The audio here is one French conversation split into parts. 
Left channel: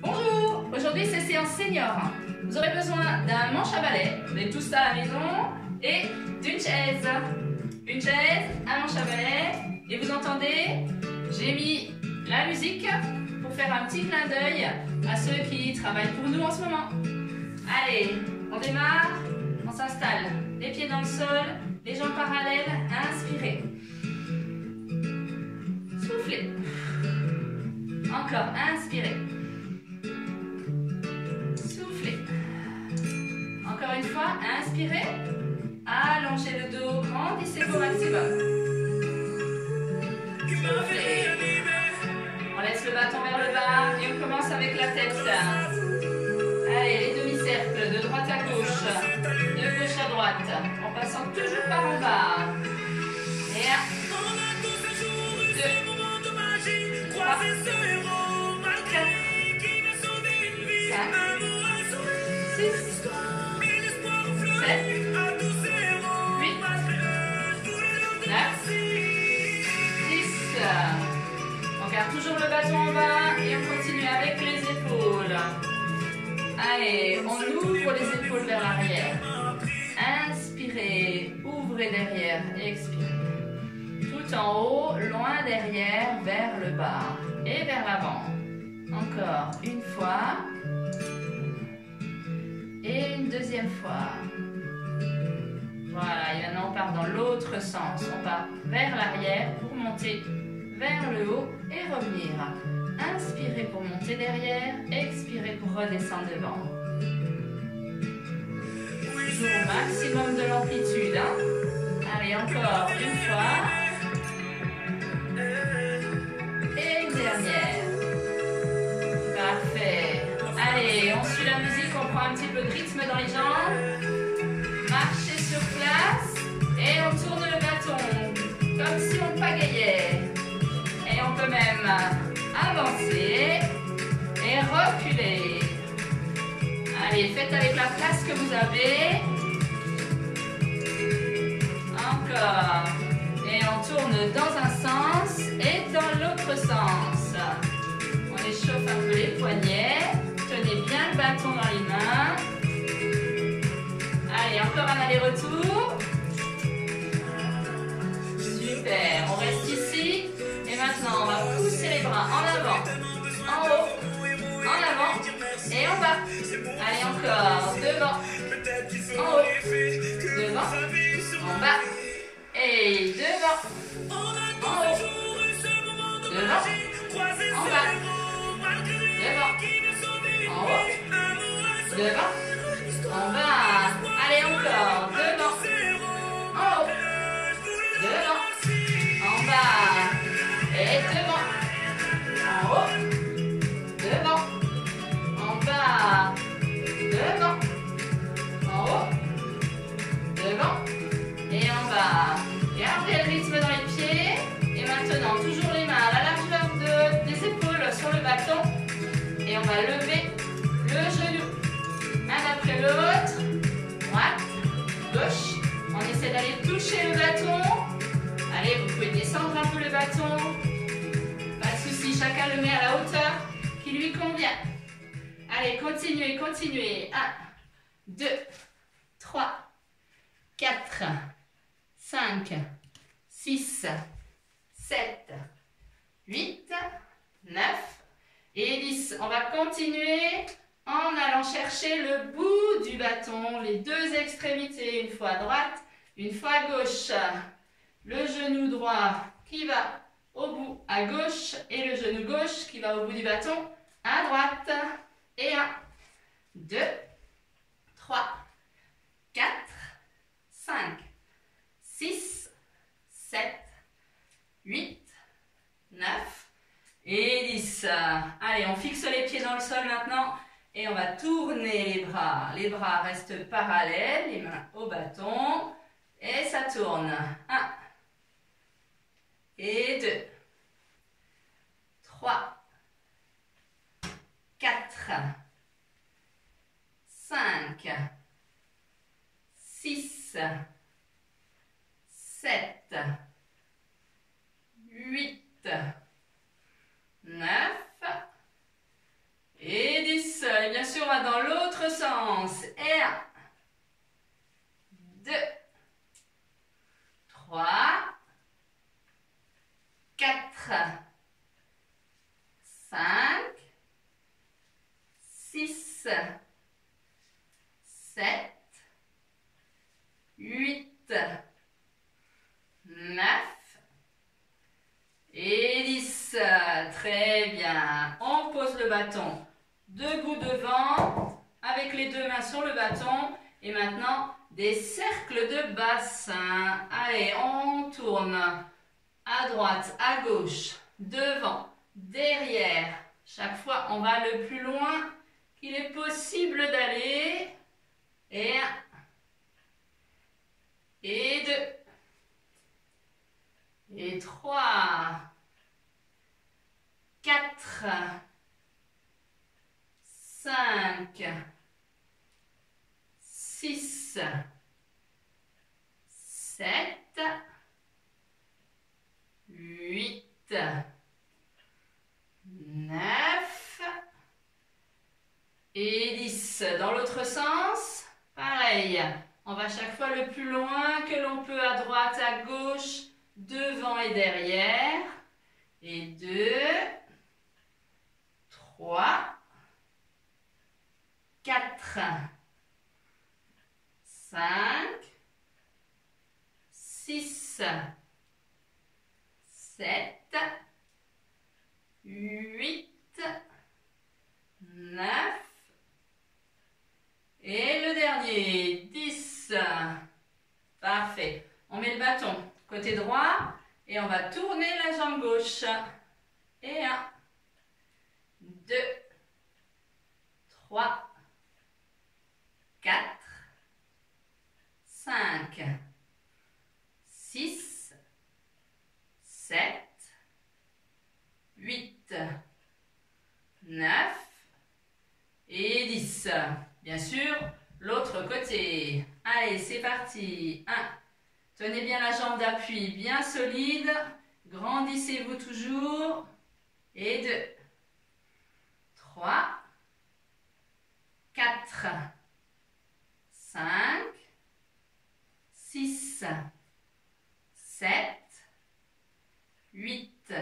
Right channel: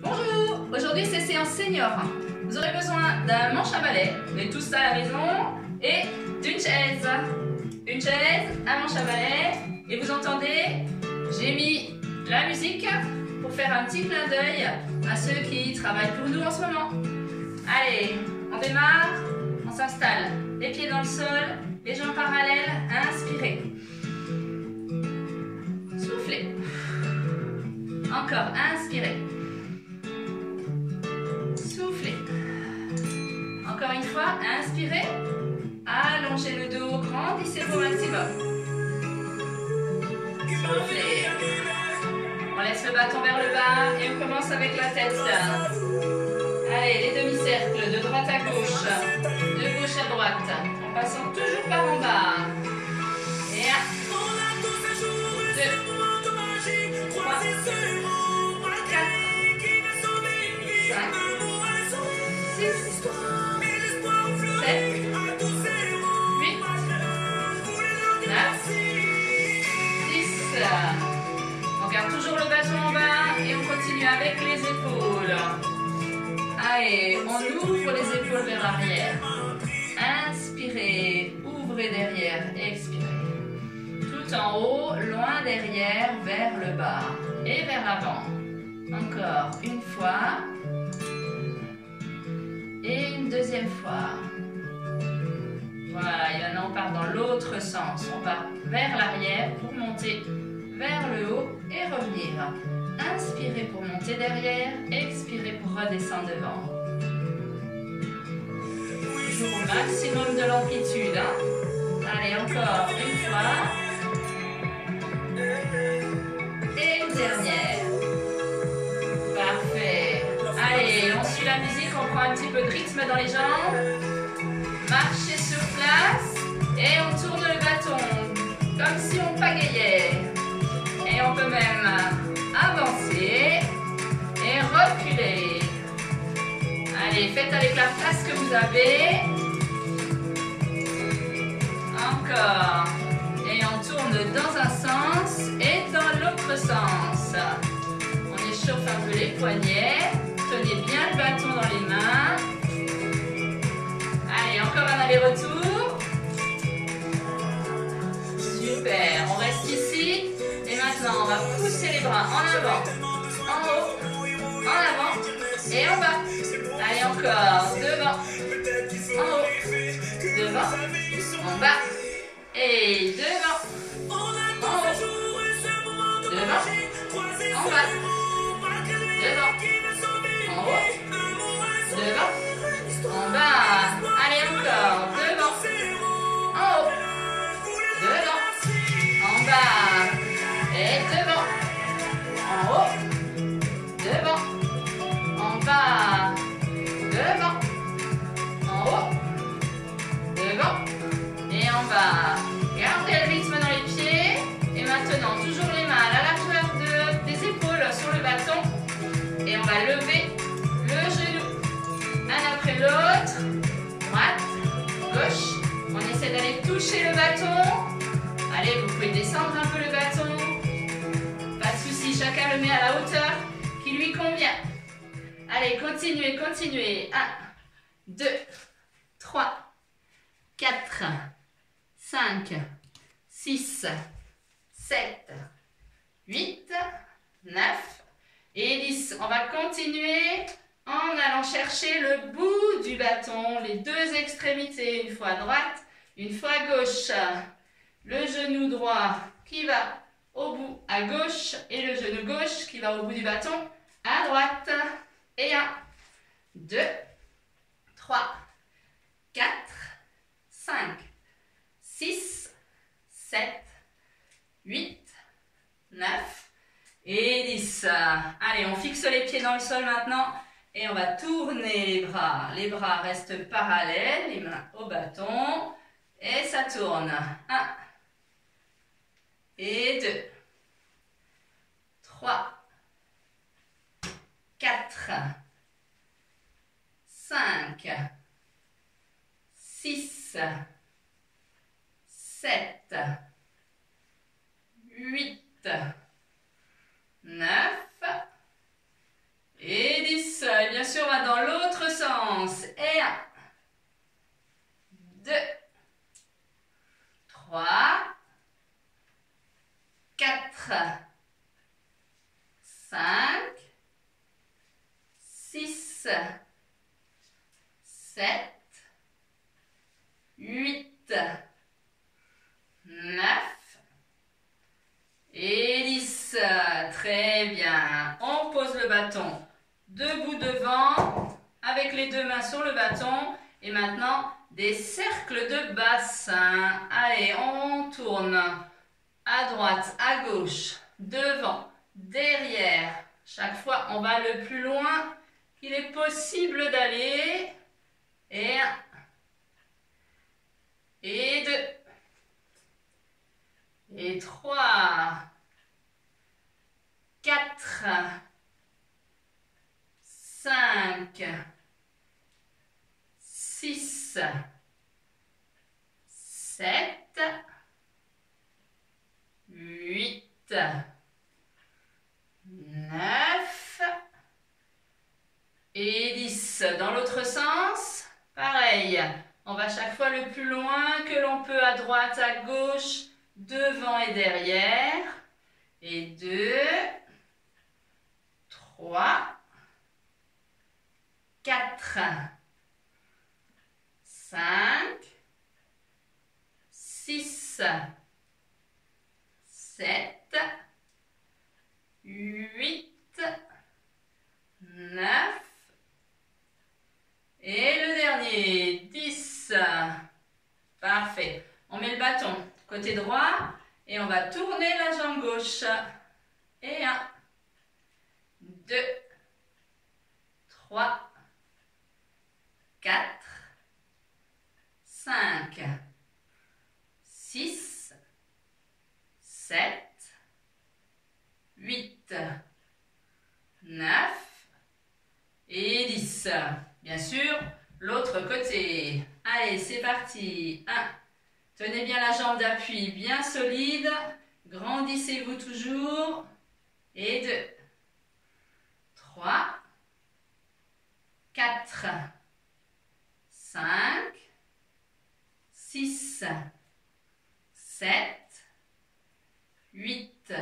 Bonjour, aujourd'hui c'est séance senior. Vous aurez besoin d'un manche à balai, vous avez tout ça à la maison, et d'une chaise. Une chaise, un manche à balai, et vous entendez, j'ai mis la musique pour faire un petit clin d'œil à ceux qui travaillent pour nous en ce moment. Allez, on démarre, on s'installe, les pieds dans le sol, les jambes parallèles, inspirez. Soufflez. Encore, inspirez. Soufflez. Encore une fois, inspirez. Allongez le dos, grandissez-vous au maximum. Soufflez. On laisse le bâton vers le bas et on commence avec la tête. Allez, les demi-cercles de droite à gauche, de gauche à droite, en passant toujours par en bas. Et 1, 2, 3, 4, 5, 6, 7, 8, 9, 10. On garde toujours le bâton en bas et on continue avec les épaules. Allez, on ouvre les épaules vers l'arrière. Inspirez, ouvrez derrière, expirez. Tout en haut, loin derrière, vers le bas et vers l'avant. Encore une fois. Et une deuxième fois. Voilà, et maintenant on part dans l'autre sens. On part vers l'arrière pour monter vers le haut et revenir. Inspirez pour monter derrière, expirez pour redescendre devant. Toujours au maximum de l'amplitude. Allez, encore une fois. Et une dernière. Parfait. Allez, on suit la musique, on prend un petit peu de rythme dans les jambes. Marchez sur place et on tourne le bâton comme si on pagayait. Et on peut même avancer et reculer. Allez, faites avec la place que vous avez. Encore. Et on tourne dans un sens et dans l'autre sens. On échauffe un peu les poignets. Tenez bien le bâton dans les mains. Allez, encore un aller-retour. Super, on reste ici. Et maintenant, on va pousser les bras en avant, en haut, en avant et en bas. Allez, encore, devant, en haut, devant, en bas et devant, en haut, devant, en bas, devant, en haut, devant, en bas. Allez, encore, devant, en haut, devant, en bas et devant, en haut, devant, en bas, devant, en haut, devant et en bas. Gardez le rythme dans les pieds. Et maintenant, toujours les mains à la largeur des épaules sur le bâton. Et on va lever le genou. Un après l'autre. Droite, gauche. On essaie d'aller toucher le bâton. Allez, vous pouvez descendre un peu le bâton. Pas de souci, chacun le met à la hauteur qui lui convient. Allez, continuez, continuez. 1, 2, 3, 4, 5, 6, 7, 8, 9 et 10. On va continuer en allant chercher le bout du bâton, les deux extrémités, une fois à droite, une fois à gauche. Le genou droit qui va au bout à gauche et le genou gauche qui va au bout du bâton à droite. Et 1, 2, 3, 4, 5, 6, 7, 8, 9 et 10. Allez, on fixe les pieds dans le sol maintenant et on va tourner les bras. Les bras restent parallèles, les mains au bâton et ça tourne. 1 et 2, 3, 4, 5, 6, 7, 8, 9 5, 6, 7, 8, 9 et 10. Très bien. On pose le bâton debout devant, avec les deux mains sur le bâton. Et maintenant, des cercles de bassin. Allez, on tourne à droite, à gauche, devant, derrière. Chaque fois, on va le plus loin qu'il est possible d'aller. Et 1. Et 2. Et 3. 4. 5. 6. 7. 8. 9. Et 10. Dans l'autre sens, pareil. On va chaque fois le plus loin que l'on peut, à droite, à gauche, devant et derrière. Et 2, 3, 4, 5, 6, 7, 8, 9 et le dernier, 10. Parfait. On met le bâton côté droit et on va tourner la jambe gauche. Et 1, 2, 3, 4, 5, 6, 7, 8, 9 et 10. Bien sûr, l'autre côté. Allez, c'est parti. 1. Tenez bien la jambe d'appui bien solide. Grandissez-vous toujours. Et 2. 3. 4. 5. 6. 7. 8.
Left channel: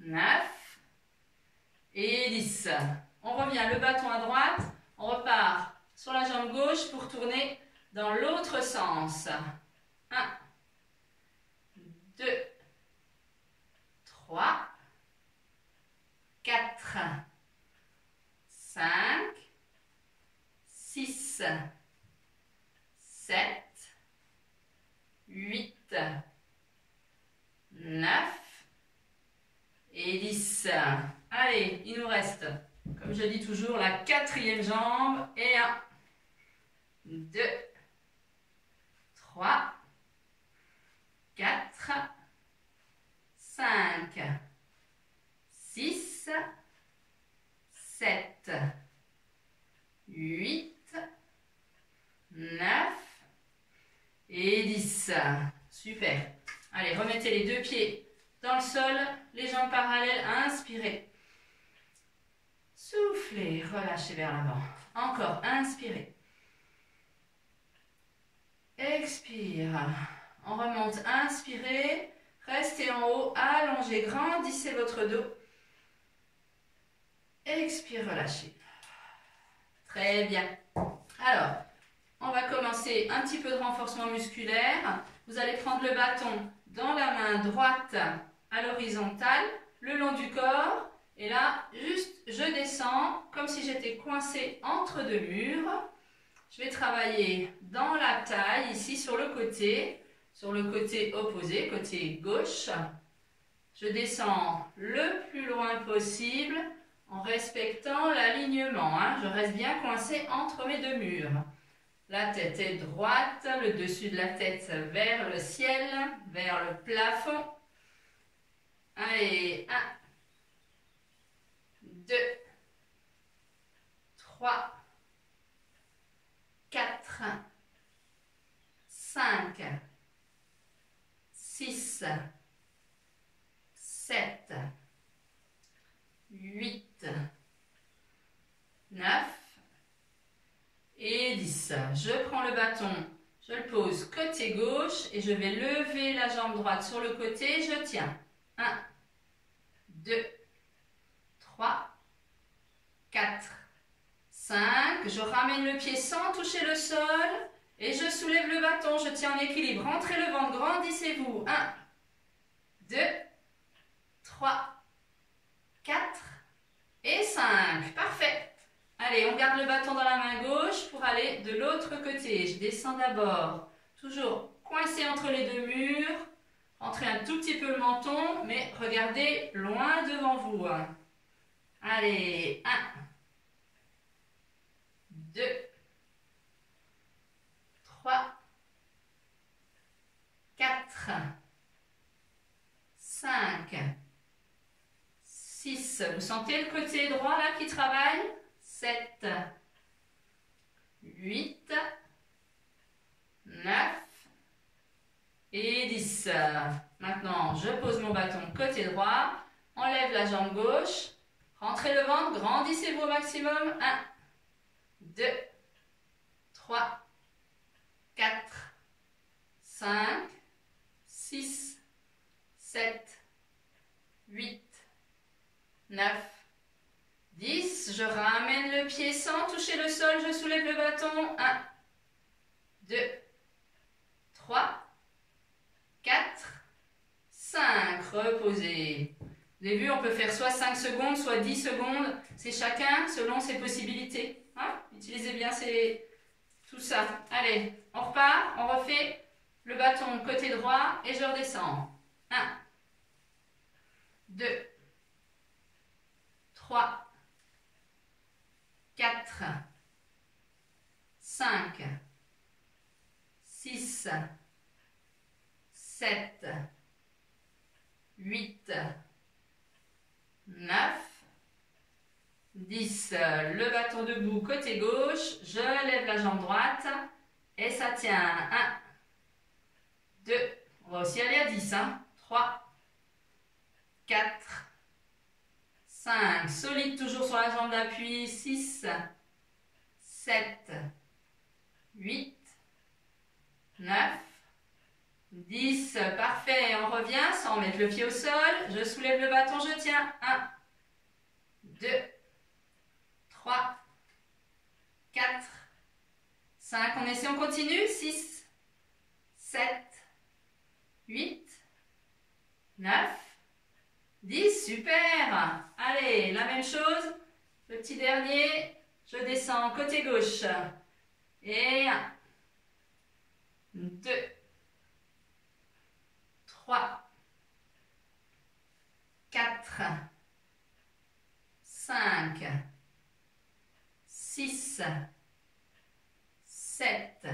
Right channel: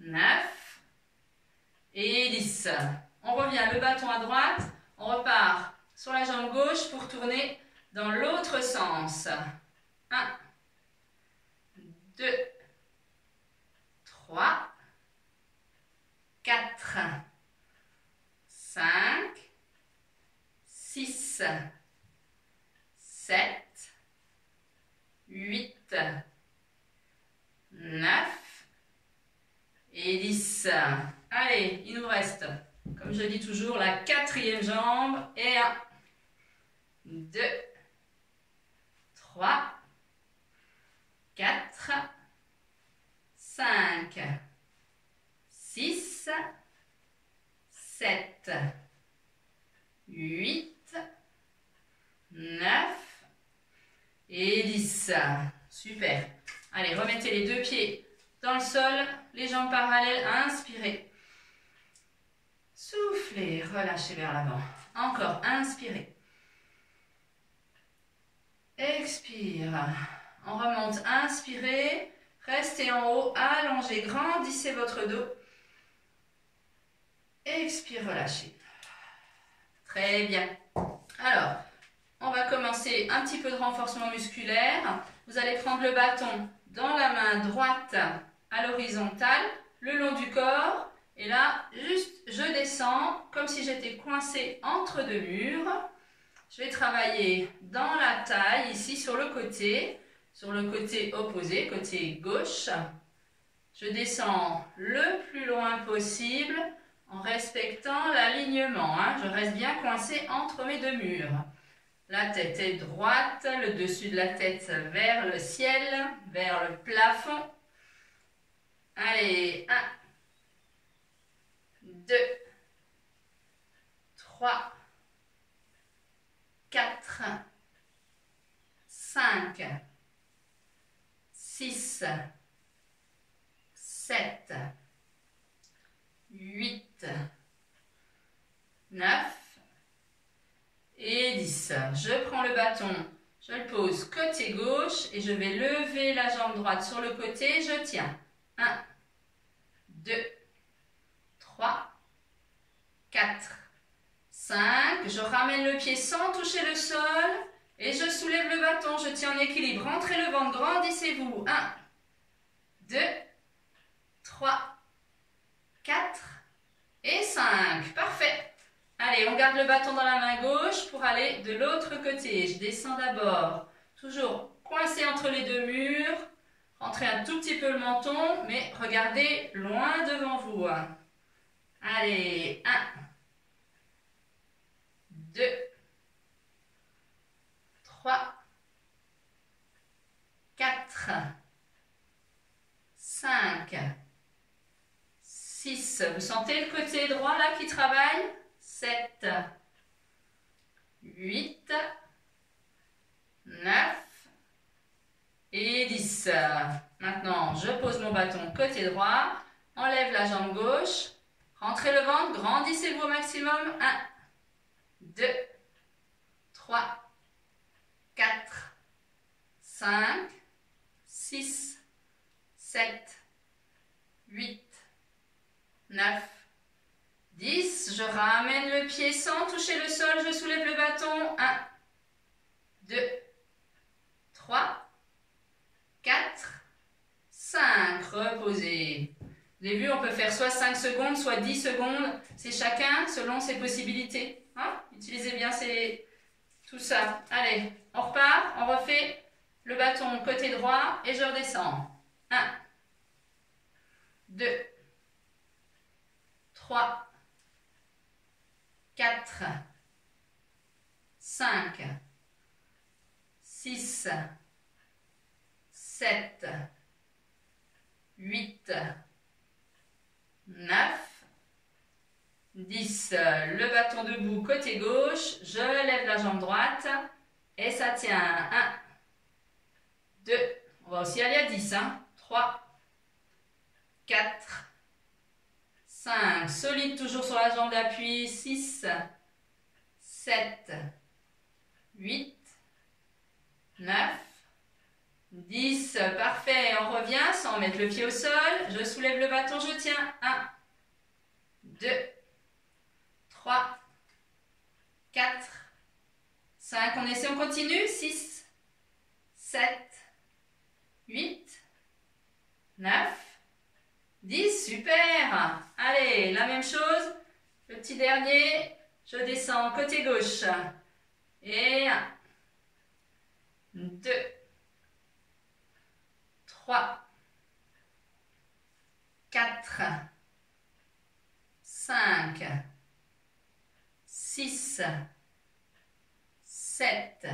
9. Et 10. On revient le bâton à droite. On repart sur la jambe gauche pour tourner dans l'autre sens. 1, 2, 3, 4, 5, 6, 7, 8, 9 et 10. Allez, il nous reste, comme je dis toujours, la 4e jambe. Et 1, 2, 3, 4, 5, 6, 7, 8, 9 et 10. Super. Allez, remettez les deux pieds dans le sol, les jambes parallèles, inspirez. Soufflez, relâchez vers l'avant. Encore, inspirez. Expire. On remonte, inspirez. Restez en haut, allongez, grandissez votre dos. Expire, relâchez. Très bien. Alors, on va commencer un petit peu de renforcement musculaire. Vous allez prendre le bâton dans la main droite à l'horizontale, le long du corps. Et là, juste, je descends comme si j'étais coincée entre deux murs. Je vais travailler dans la taille, ici sur le côté opposé, côté gauche. Je descends le plus loin possible en respectant l'alignement. Je reste bien coincée entre mes deux murs. La tête est droite, le dessus de la tête vers le ciel, vers le plafond. Allez, 1, 2, 3, 4, 5, 6, 7, 8, 9 et 10. Je prends le bâton, je le pose côté gauche et je vais lever la jambe droite sur le côté, je tiens. 1, 2, 5, je ramène le pied sans toucher le sol et je soulève le bâton, je tiens en équilibre, rentrez le ventre, grandissez-vous. 1, 2, 3, 4 et 5. Parfait. Allez, on garde le bâton dans la main gauche pour aller de l'autre côté. Je descends d'abord, toujours coincé entre les deux murs. Rentrez un tout petit peu le menton, mais regardez loin devant vous. Allez, 1, 2, 3, 4, 5, 6. Vous sentez le côté droit là qui travaille? 7, 8, 9 et 10. Maintenant, je pose mon bâton côté droit, enlève la jambe gauche, rentrez le ventre, grandissez-vous au maximum. 1, 2, 3, 4, 5, 6, 7, 8, 9, 10. Je ramène le pied sans toucher le sol, je soulève le bâton. 1, 2, 3, 4, 5. Reposez. Vous avez vu, on peut faire soit 5 secondes, soit 10 secondes. C'est chacun selon ses possibilités. Hein? Utilisez bien tout ça. Allez, on repart, on refait le bâton côté droit et je redescends. 1, 2, 3, 4, 5, 6, 7, 8, 9, 10. Le bâton debout côté gauche, je lève la jambe droite et ça tient. 1, 2, on va aussi aller à 10. 3, 4, 5, solide toujours sur la jambe d'appui. 6, 7, 8, 9, 10. Parfait, on revient sans mettre le pied au sol. Je soulève le bâton, je tiens. 1, 2, 3, 4, 5. On essaie, on continue. 6, 7, 8, 9, 10. Super. Allez, la même chose. Le petit dernier. Je descends côté gauche. Et 1, 2, 3, 4, 5, 6, 7,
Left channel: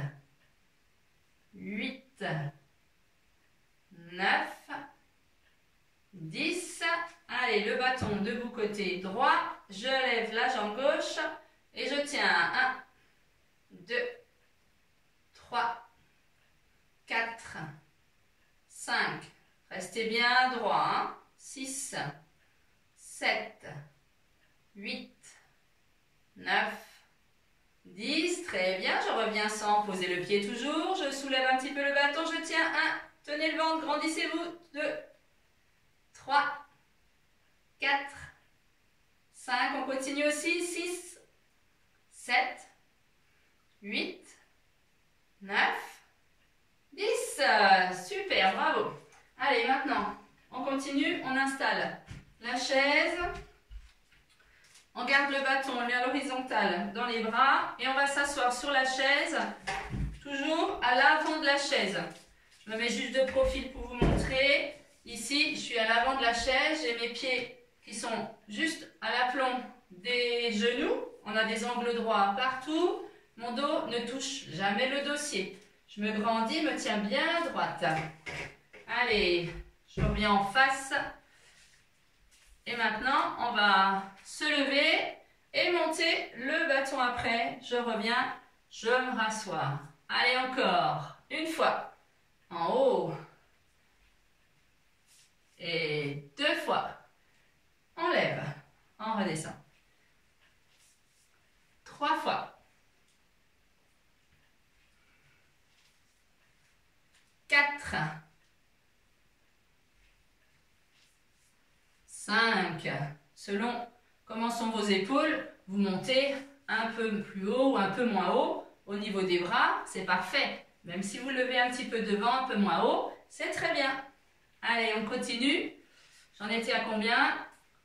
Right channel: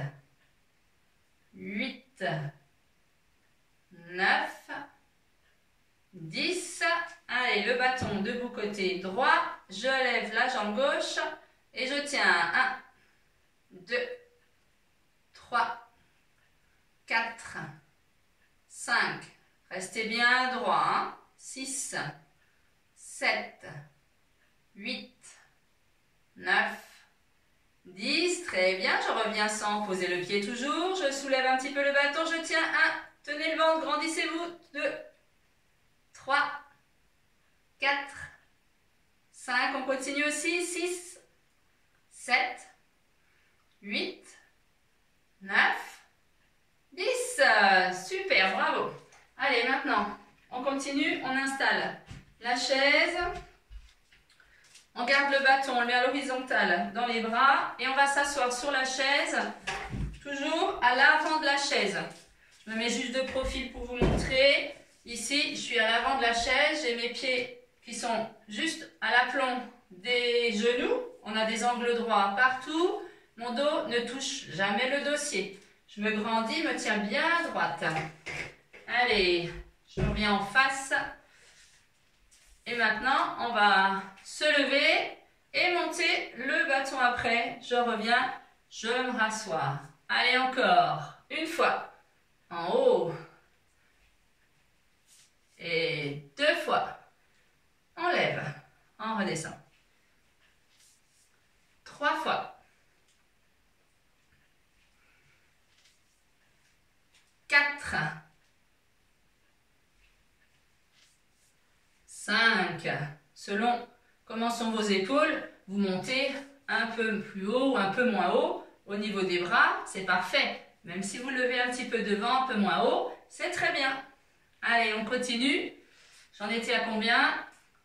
8, 9, 10. Allez, le bâton debout côté droit. Je lève la jambe gauche et je tiens. 1, 2, 3, 4, 5. Restez bien droit. 6, 7, 8, 9, 10. Très bien. Je reviens sans poser le pied toujours. Je soulève un petit peu le bâton. Je tiens. 1. Tenez le ventre. Grandissez-vous. 2, 3, 4, 5. On continue aussi. 6, 7, 8, 9, 10. Super. Bravo. Allez, maintenant, on continue. On installe la chaise. On garde le bâton, on le met à l'horizontale dans les bras et on va s'asseoir sur la chaise, toujours à l'avant de la chaise. Je me mets juste de profil pour vous montrer. Ici, je suis à l'avant de la chaise, j'ai mes pieds qui sont juste à l'aplomb des genoux. On a des angles droits partout. Mon dos ne touche jamais le dossier. Je me grandis, me tiens bien à droite. Allez, je reviens en face. Et maintenant, on va se lever et monter le bâton après. Je reviens, je me rassois. Allez, encore. Une fois. En haut. Et 2 fois. On lève. On redescend. 3 fois. 4. 5. Selon comment sont vos épaules, vous montez un peu plus haut ou un peu moins haut au niveau des bras, c'est parfait. Même si vous levez un petit peu devant, un peu moins haut, c'est très bien. Allez, on continue. J'en étais à combien?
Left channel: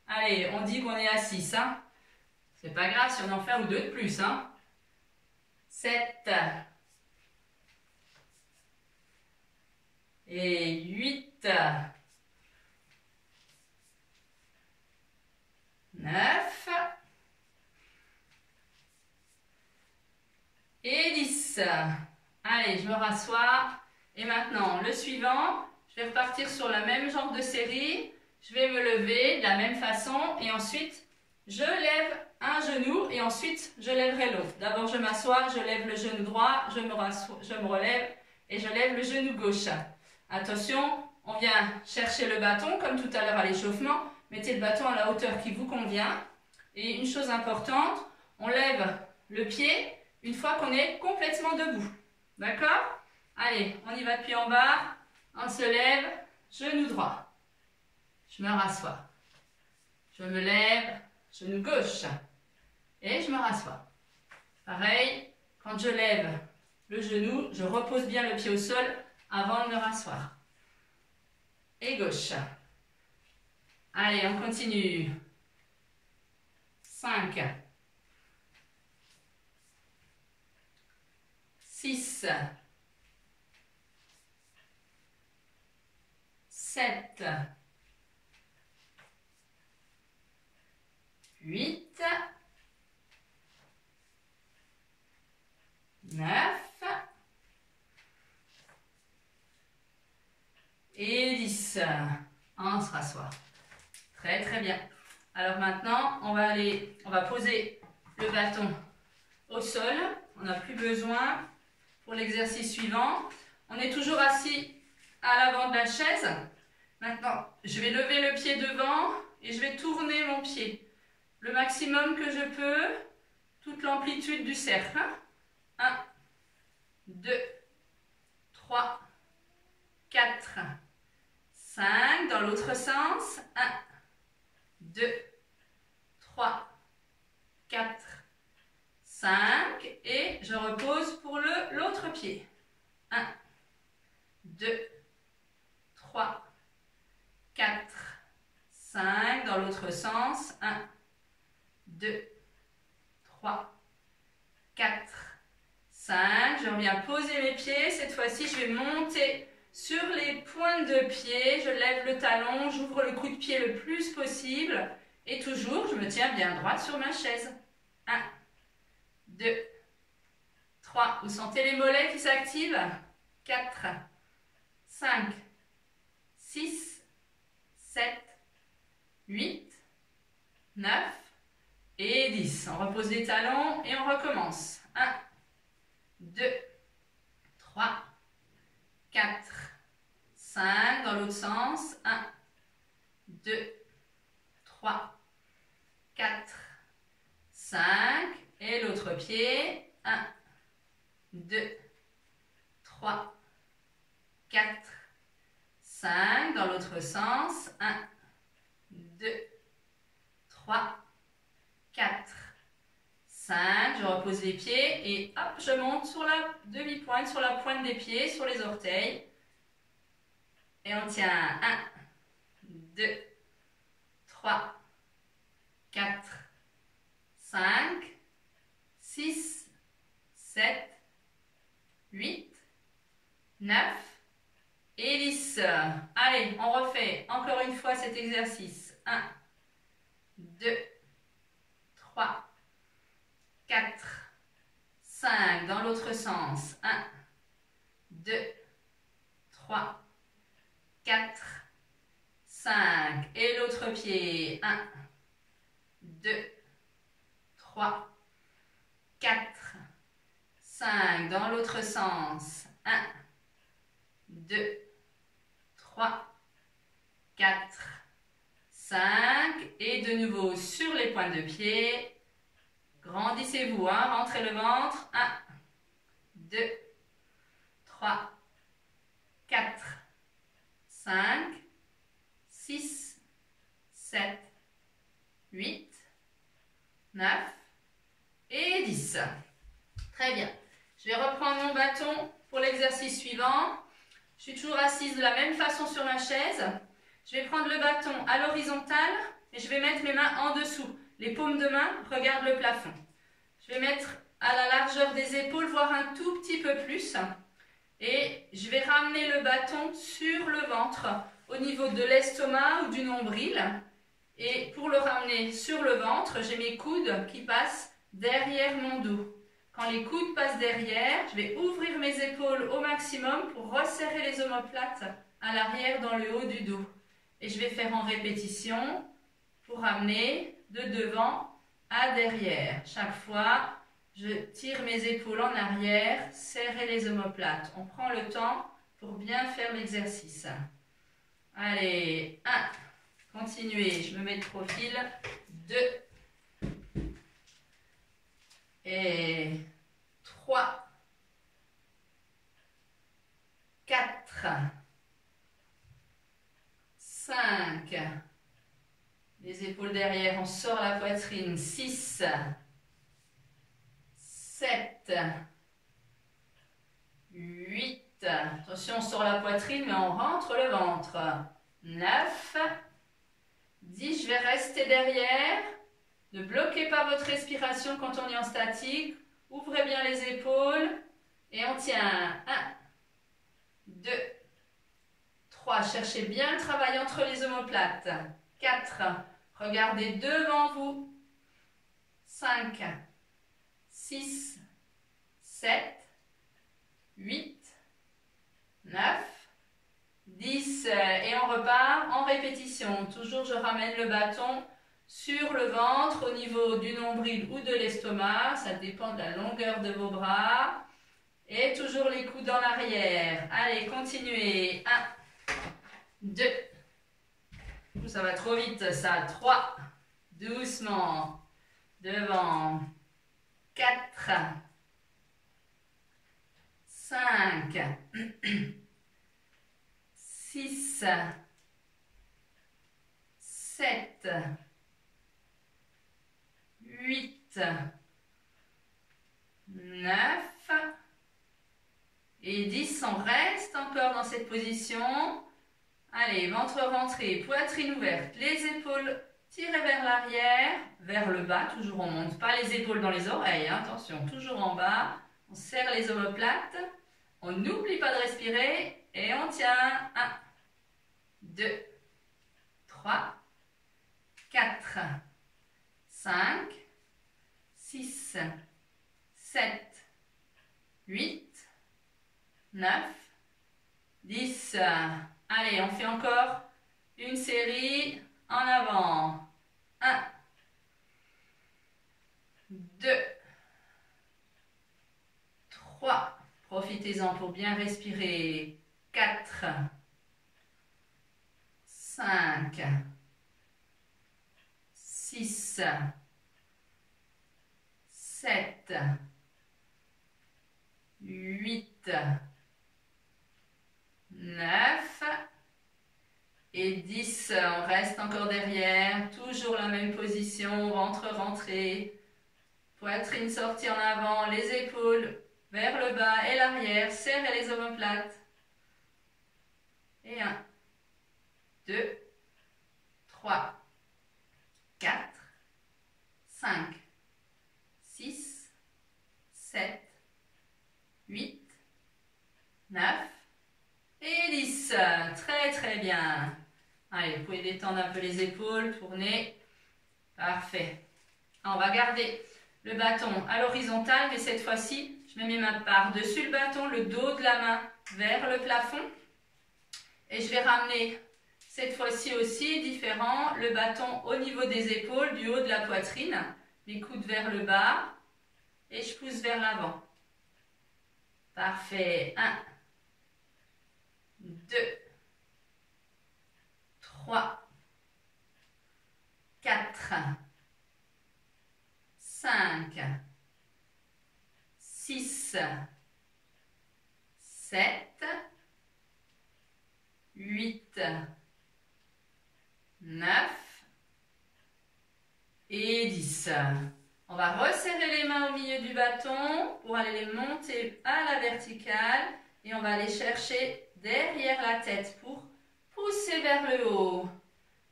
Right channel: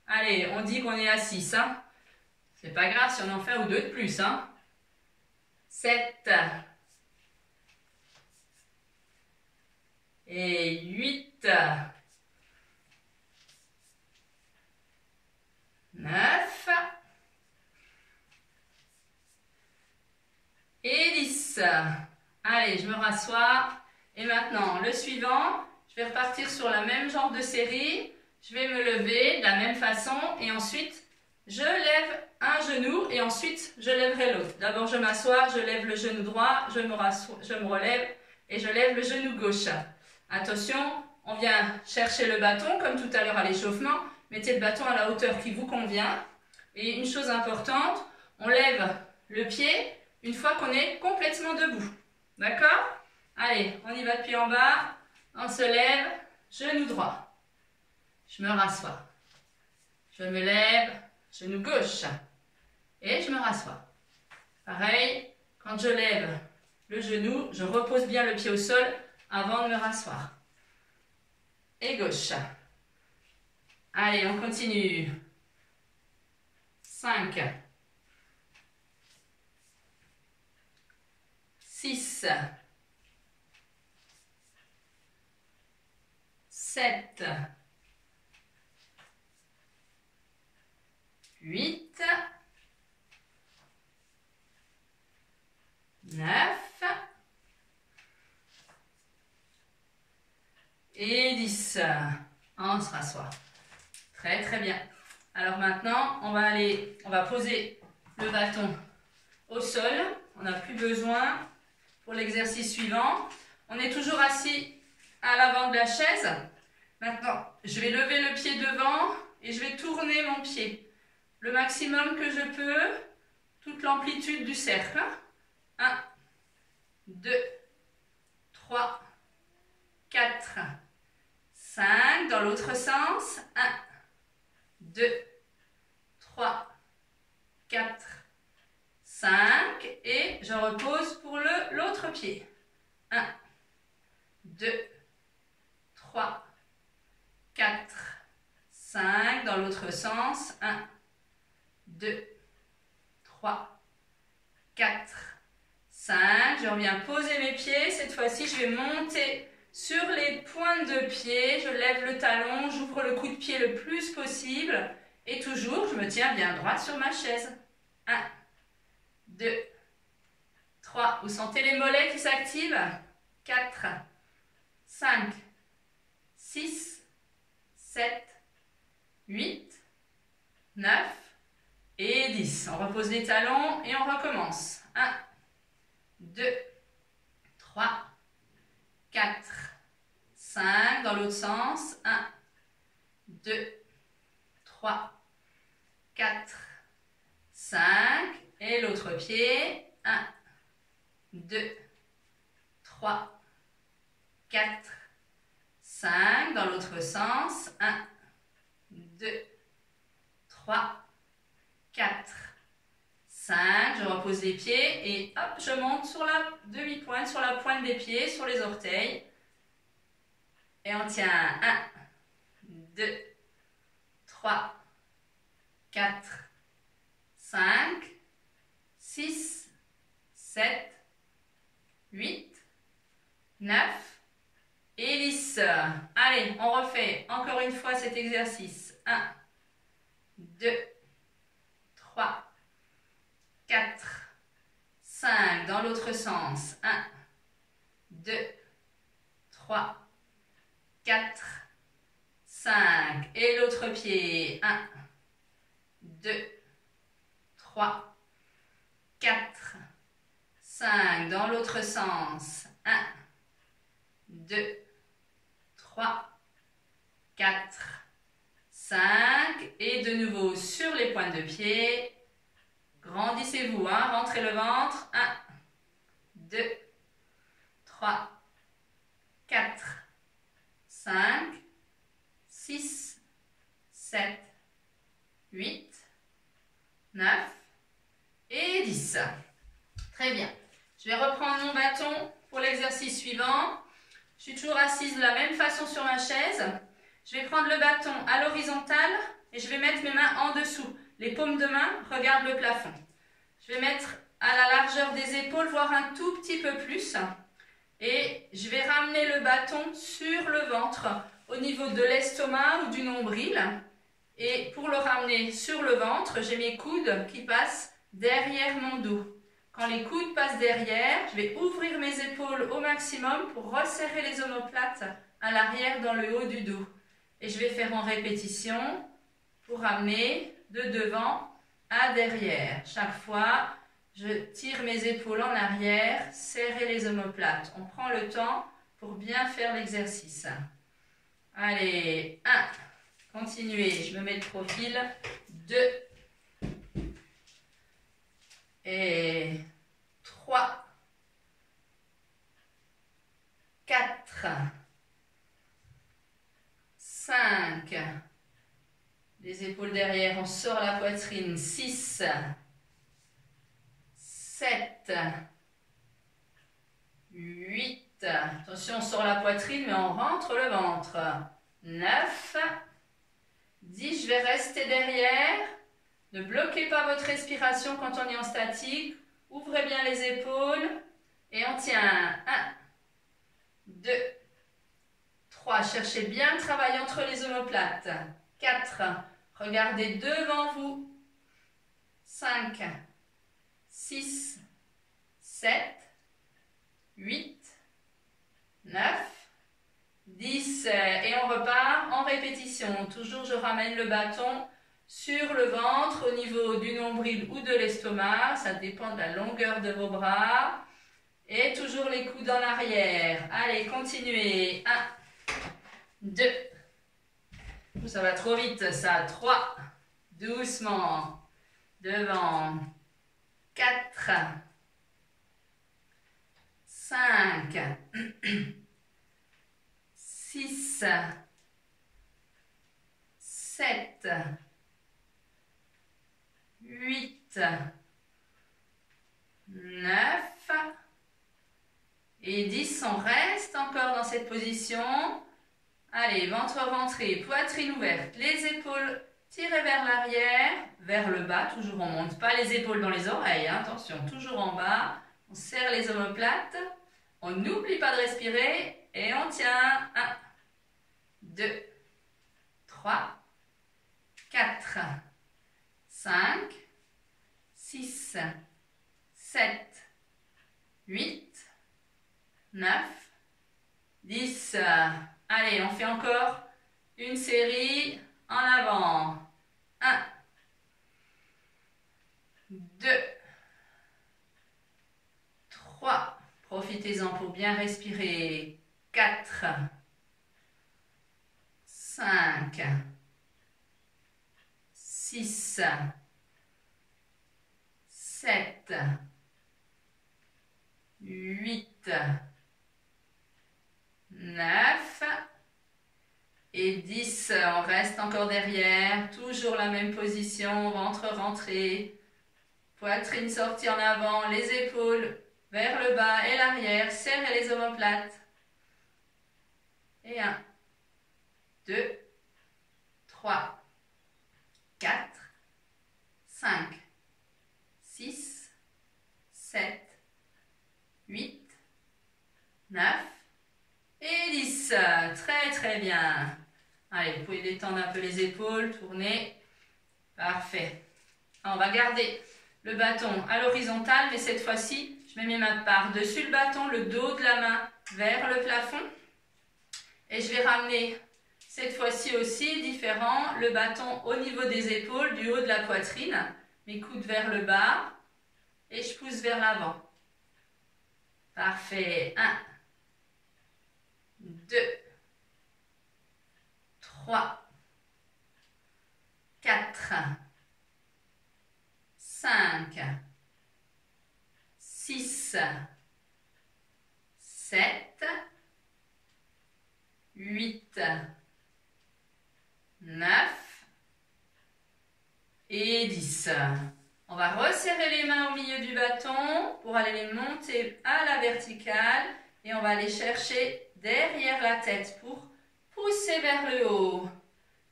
Allez, on dit qu'on est à 6. Hein? C'est pas grave si on en fait un ou deux de plus. Hein? 7. Et 8. 9. Et 10. Allez, je me rassois. Et maintenant, le suivant, je vais repartir sur la même genre de série. Je vais me lever de la même façon et ensuite, je lève un genou et ensuite, je lèverai l'autre. D'abord, je m'assois, je lève le genou droit, je me relève et je lève le genou gauche. Attention, on vient chercher le bâton comme tout à l'heure à l'échauffement. Mettez le bâton à la hauteur qui vous convient. Et une chose importante, on lève le pied une fois qu'on est complètement debout. D'accord? Allez, on y va depuis en bas. On se lève, genou droit. Je me rassois. Je me lève, genou gauche. Et je me rassois. Pareil, quand je lève le genou, je repose bien le pied au sol avant de me rasseoir. Et gauche. Allez, on continue. 5. 6. 7. 8. 9. Et 10. On se rassoit. Très très bien. Alors maintenant, on va poser le bâton au sol. On n'a plus besoin pour l'exercice suivant. On est toujours assis à l'avant de la chaise. Maintenant, je vais lever le pied devant et je vais tourner mon pied. Le maximum que je peux, toute l'amplitude du cercle. 1, 2, 3, 4, 5. Dans l'autre sens. 1, 2, 3, 4, 5. Et je repose pour l'autre pied. 1, 2, 3, 4, 5. Dans l'autre sens. 1, 2, 3, 4, 5. Je reviens poser mes pieds. Cette fois-ci, je vais monter sur les pointes de pied. Je lève le talon, j'ouvre le coup de pied le plus possible. Et toujours, je me tiens bien droite sur ma chaise. 1, 2, 3. Vous sentez les mollets qui s'activent? 4, 5, 6, 7, 8, 9 et 10. On repose les talons et on recommence. 1, 2, 3, 4, 5. Dans l'autre sens. 1, 2, 3, 4, 5. Et l'autre pied. 1, 2, 3, 4, 5. Dans l'autre sens. 1, 2, 3, 4, 5. Je repose les pieds et hop, je monte sur la demi-pointe, sur la pointe des pieds, sur les orteils. Et on tient 1, 2, 3, 4, 5, 6, 7, 8, 9 et 10. Allez, on refait encore une fois cet exercice. 1, 2, 3, 4, 5. Dans l'autre sens. 1, 2, 3, 4, 5. Et l'autre pied. 1, 2, 3, 4, 5. Dans l'autre sens. 1, 2, 3, 4, 5. Et de nouveau sur les pointes de pied. Grandissez-vous, hein? Rentrez le ventre. 1, 2, 3, 4, 5, 6, 7, 8, 9 et 10. Très bien. Je vais reprendre mon bâton pour l'exercice suivant. Je suis toujours assise de la même façon sur ma chaise. Je vais prendre le bâton à l'horizontale et je vais mettre mes mains en dessous. Les paumes de main regardent le plafond. Je vais mettre à la largeur des épaules, voire un tout petit peu plus. Et je vais ramener le bâton sur le ventre, au niveau de l'estomac ou du nombril. Et pour le ramener sur le ventre, j'ai mes coudes qui passent derrière mon dos. Quand les coudes passent derrière, je vais ouvrir mes épaules au maximum pour resserrer les omoplates à l'arrière dans le haut du dos. Et je vais faire en répétition pour ramener de devant à derrière. Chaque fois, je tire mes épaules en arrière, serrer les omoplates. On prend le temps pour bien faire l'exercice. Allez, 1, continuez, je me mets de profil, 2, et 3, 4, 5, les épaules derrière, on sort la poitrine, 6, 7, 8, attention on sort la poitrine mais on rentre le ventre, 9, 10, je vais rester derrière. Ne bloquez pas votre respiration quand on est en statique. Ouvrez bien les épaules et on tient. 1, 2, 3. Cherchez bien le travail entre les omoplates. 4. Regardez devant vous. 5, 6, 7, 8, 9, 10. Et on repart en répétition. Toujours, je ramène le bâton sur le ventre, au niveau du nombril ou de l'estomac, ça dépend de la longueur de vos bras. Et toujours les coudes en arrière. Allez, continuez. 1, 2, ça va trop vite ça. 3, doucement, devant. 4, 5, 6, 7, 8, 9 et 10. On reste encore dans cette position. Allez, ventre rentré, poitrine ouverte, les épaules tirées vers l'arrière, vers le bas. Toujours on ne monte pas les épaules dans les oreilles, hein, attention, toujours en bas. On serre les omoplates, on n'oublie pas de respirer et on tient. 1, 2, 3, 4, 5, 6, 7, 8, 9, 10. Allez, on fait encore une série en avant. 1, 2, 3. Profitez-en pour bien respirer. 4, 5, 6, 7, 8, 9 et 10. On reste encore derrière. Toujours la même position. Ventre rentré. Poitrine sortie en avant. Les épaules vers le bas et l'arrière. Serrez les omoplates. Et 1, 2, 3, 4, 5, 6, 7, 8, 9 et 10. Très très bien. Allez, vous pouvez détendre un peu les épaules, tourner. Parfait. On va garder le bâton à l'horizontale, mais cette fois-ci, je mets mes mains par-dessus le bâton, le dos de la main vers le plafond. Et je vais ramener cette fois-ci aussi, différent, le bâton au niveau des épaules, du haut de la poitrine. Mes coudes vers le bas et je pousse vers l'avant. Parfait. 1, 2, 3, 4, 5, 6, 7, 8, 9 et 10. On va resserrer les mains au milieu du bâton pour aller les monter à la verticale et on va aller chercher derrière la tête pour pousser vers le haut.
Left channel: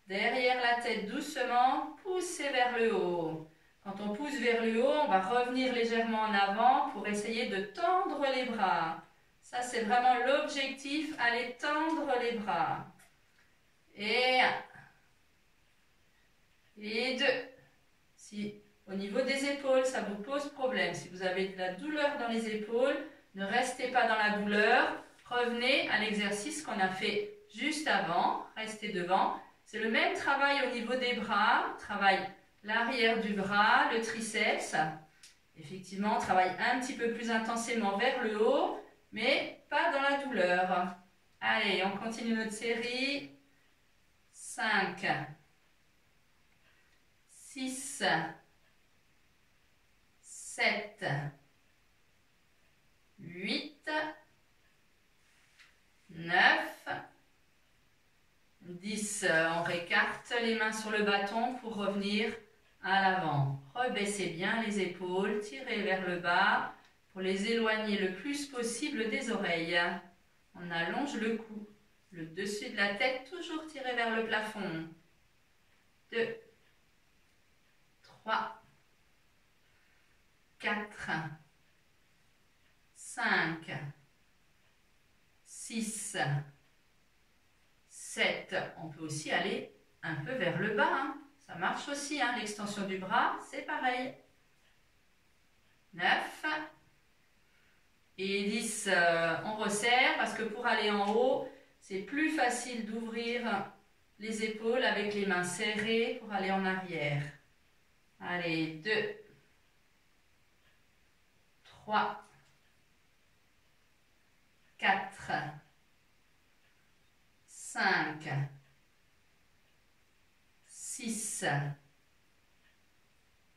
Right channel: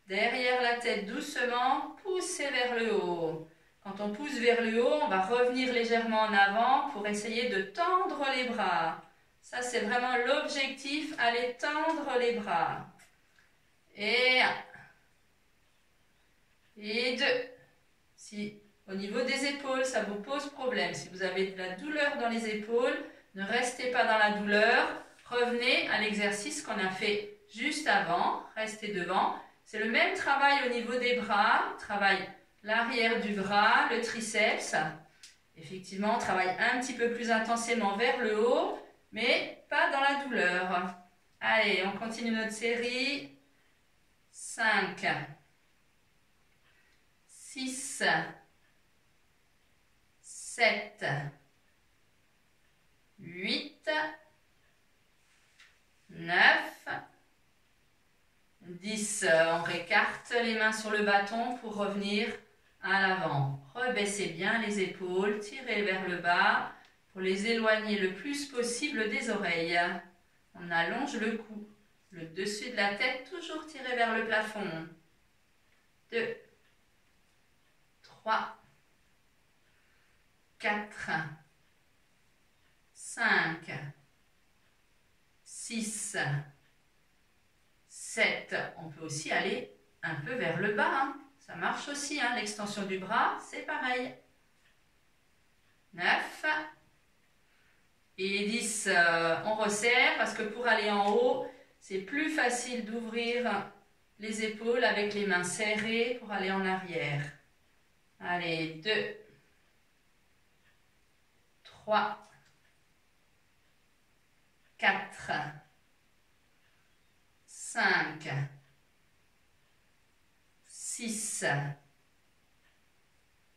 Derrière la tête doucement, pousser vers le haut. Quand on pousse vers le haut, on va revenir légèrement en avant pour essayer de tendre les bras. Ça, c'est vraiment l'objectif, aller tendre les bras. Et 1. Et 2. Si au niveau des épaules, ça vous pose problème, si vous avez de la douleur dans les épaules, ne restez pas dans la douleur. Revenez à l'exercice qu'on a fait juste avant. Restez devant. C'est le même travail au niveau des bras. Travail l'arrière du bras, le triceps. Effectivement, on travaille un petit peu plus intensément vers le haut, mais pas dans la douleur. Allez, on continue notre série. 5, 6, 7, 8, 9, 10. On récarte les mains sur le bâton pour revenir à l'avant. Rebaissez bien les épaules, tirez vers le bas pour les éloigner le plus possible des oreilles. On allonge le cou, le dessus de la tête toujours tiré vers le plafond. 2, 3, 4, 5, 6, 7. On peut aussi aller un peu vers le bas. Hein. Ça marche aussi. Hein. L'extension du bras, c'est pareil. 9. Et 10. On resserre parce que pour aller en haut, c'est plus facile d'ouvrir les épaules avec les mains serrées pour aller en arrière. Allez, 2, 3, 4, 5, 6,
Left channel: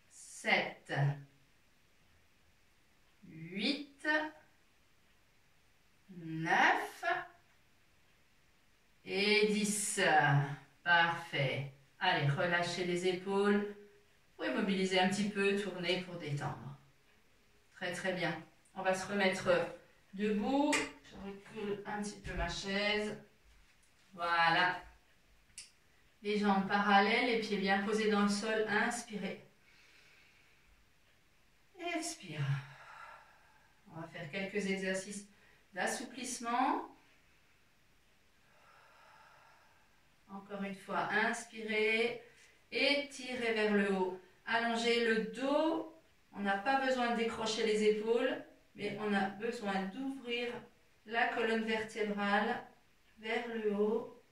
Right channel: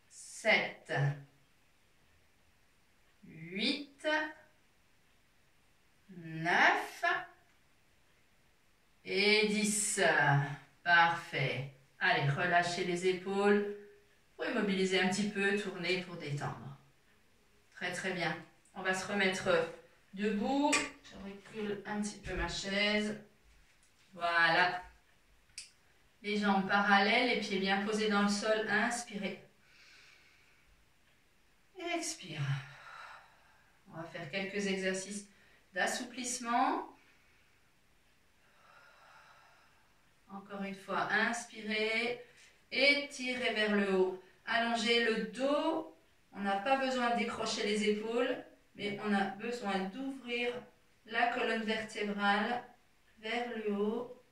7, 8, 9 et 10. Parfait. Allez, relâchez les épaules. Vous pouvez mobiliser un petit peu, tourner pour détendre. Très très bien. On va se remettre debout. Je recule un petit peu ma chaise. Voilà. Les jambes parallèles, les pieds bien posés dans le sol. Inspirez. Expire. On va faire quelques exercices d'assouplissement. Encore une fois, inspirez. Étirez vers le haut. Allongez le dos. On n'a pas besoin de décrocher les épaules, mais on a besoin d'ouvrir la colonne vertébrale vers le haut.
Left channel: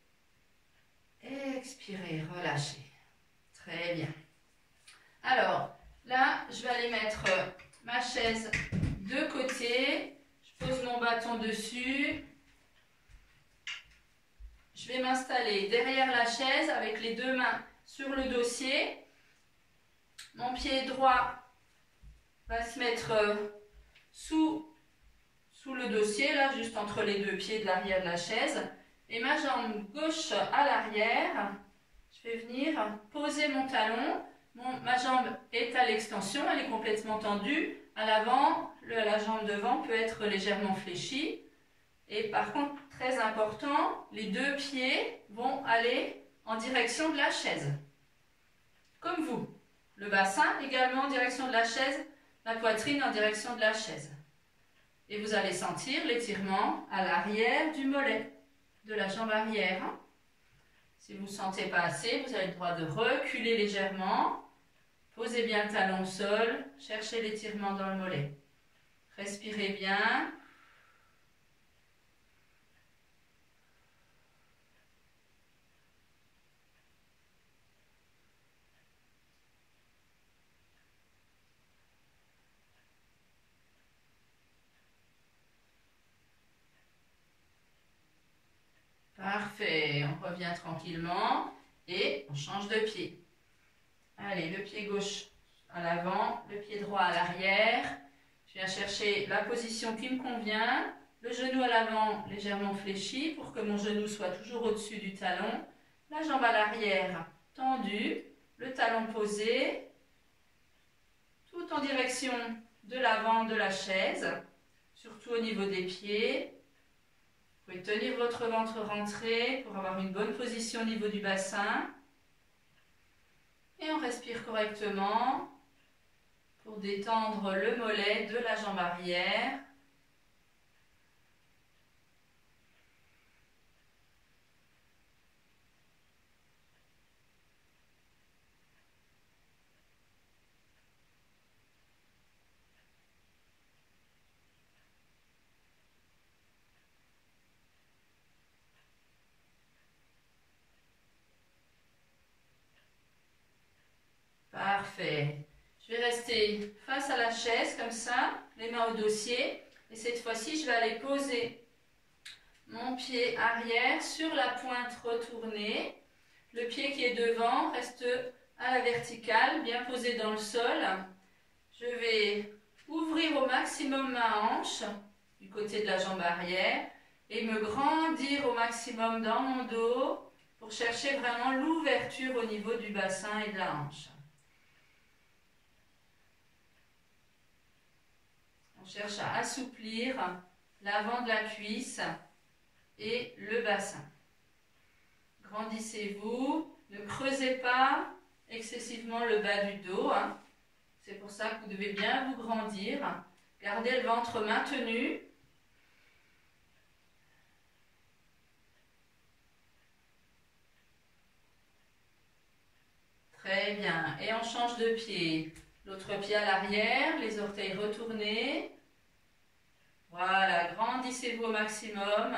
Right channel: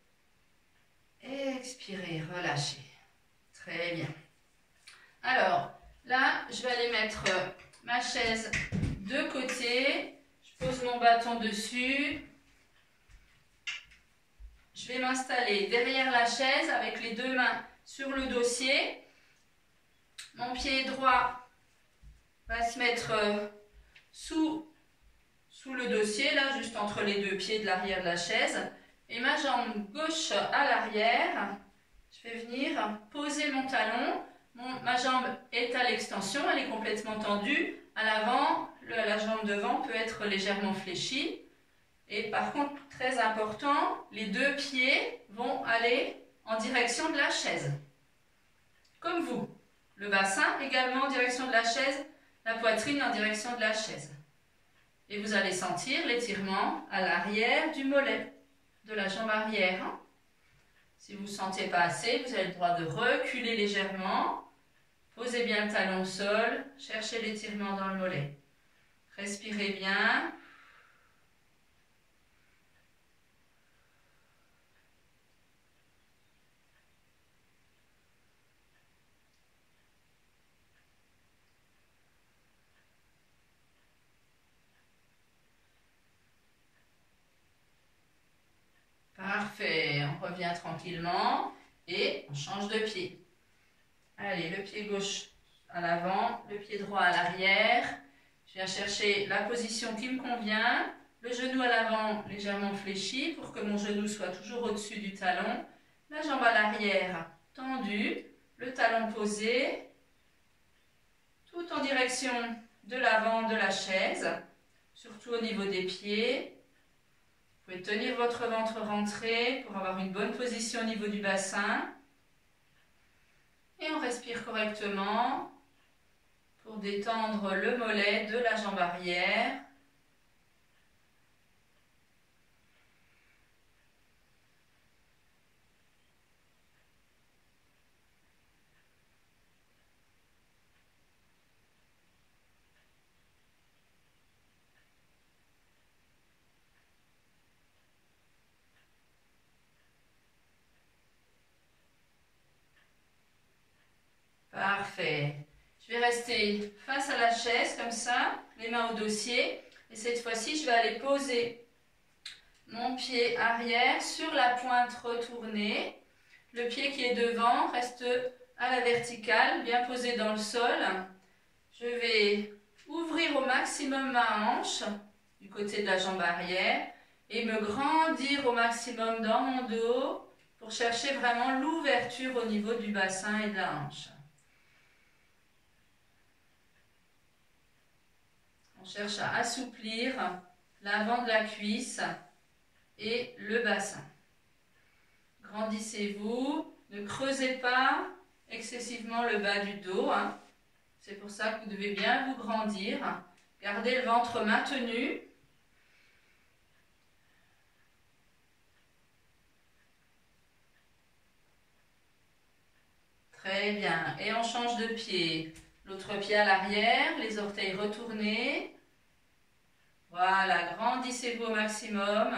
Expirez, relâchez. Très bien. Alors, là, je vais aller mettre ma chaise de côté. Je pose mon bâton dessus. Je vais m'installer derrière la chaise avec les deux mains sur le dossier. Mon pied droit va se mettre sous le dossier, là, juste entre les deux pieds de l'arrière de la chaise. Et ma jambe gauche à l'arrière, je vais venir poser mon talon. Ma jambe est à l'extension, elle est complètement tendue. À l'avant, la jambe devant peut être légèrement fléchie. Et par contre, très important, les deux pieds vont aller en direction de la chaise. Comme vous. Le bassin également en direction de la chaise, la poitrine en direction de la chaise. Et vous allez sentir l'étirement à l'arrière du mollet, de la jambe arrière. Si vous ne sentez pas assez, vous avez le droit de reculer légèrement. Posez bien le talon au sol, cherchez l'étirement dans le mollet. Respirez bien. Parfait, on revient tranquillement et on change de pied. Allez, le pied gauche à l'avant, le pied droit à l'arrière. Je viens chercher la position qui me convient. Le genou à l'avant légèrement fléchi pour que mon genou soit toujours au-dessus du talon. La jambe à l'arrière tendue, le talon posé. tout en direction de l'avant de la chaise, surtout au niveau des pieds. Vous pouvez tenir votre ventre rentré pour avoir une bonne position au niveau du bassin. Et on respire correctement pour détendre le mollet de la jambe arrière. Parfait. Je vais rester face à la chaise comme ça, les mains au dossier. Et cette fois-ci, je vais aller poser mon pied arrière sur la pointe retournée. Le pied qui est devant reste à la verticale, bien posé dans le sol. Je vais ouvrir au maximum ma hanche du côté de la jambe arrière et me grandir au maximum dans mon dos pour chercher vraiment l'ouverture au niveau du bassin et de la hanche. On cherche à assouplir l'avant de la cuisse et le bassin. Grandissez-vous, ne creusez pas excessivement le bas du dos. C'est pour ça que vous devez bien vous grandir. Gardez le ventre maintenu. Très bien. Et on change de pied. L'autre pied à l'arrière, les orteils retournés. Voilà, grandissez-vous au maximum.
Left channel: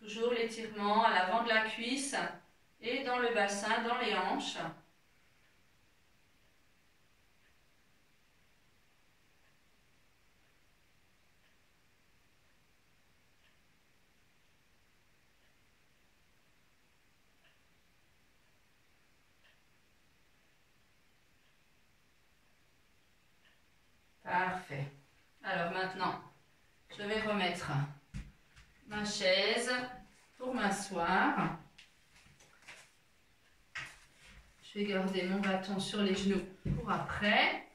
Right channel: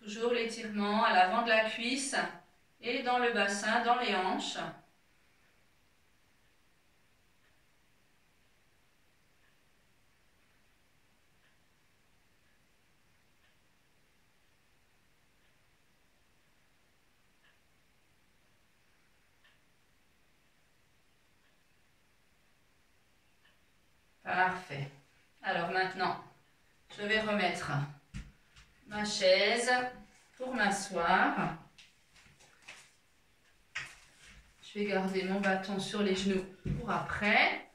Toujours l'étirement à l'avant de la cuisse et dans le bassin, dans les hanches. Parfait. Alors maintenant, je vais remettre ma chaise pour m'asseoir. Je vais garder mon bâton sur les genoux pour après.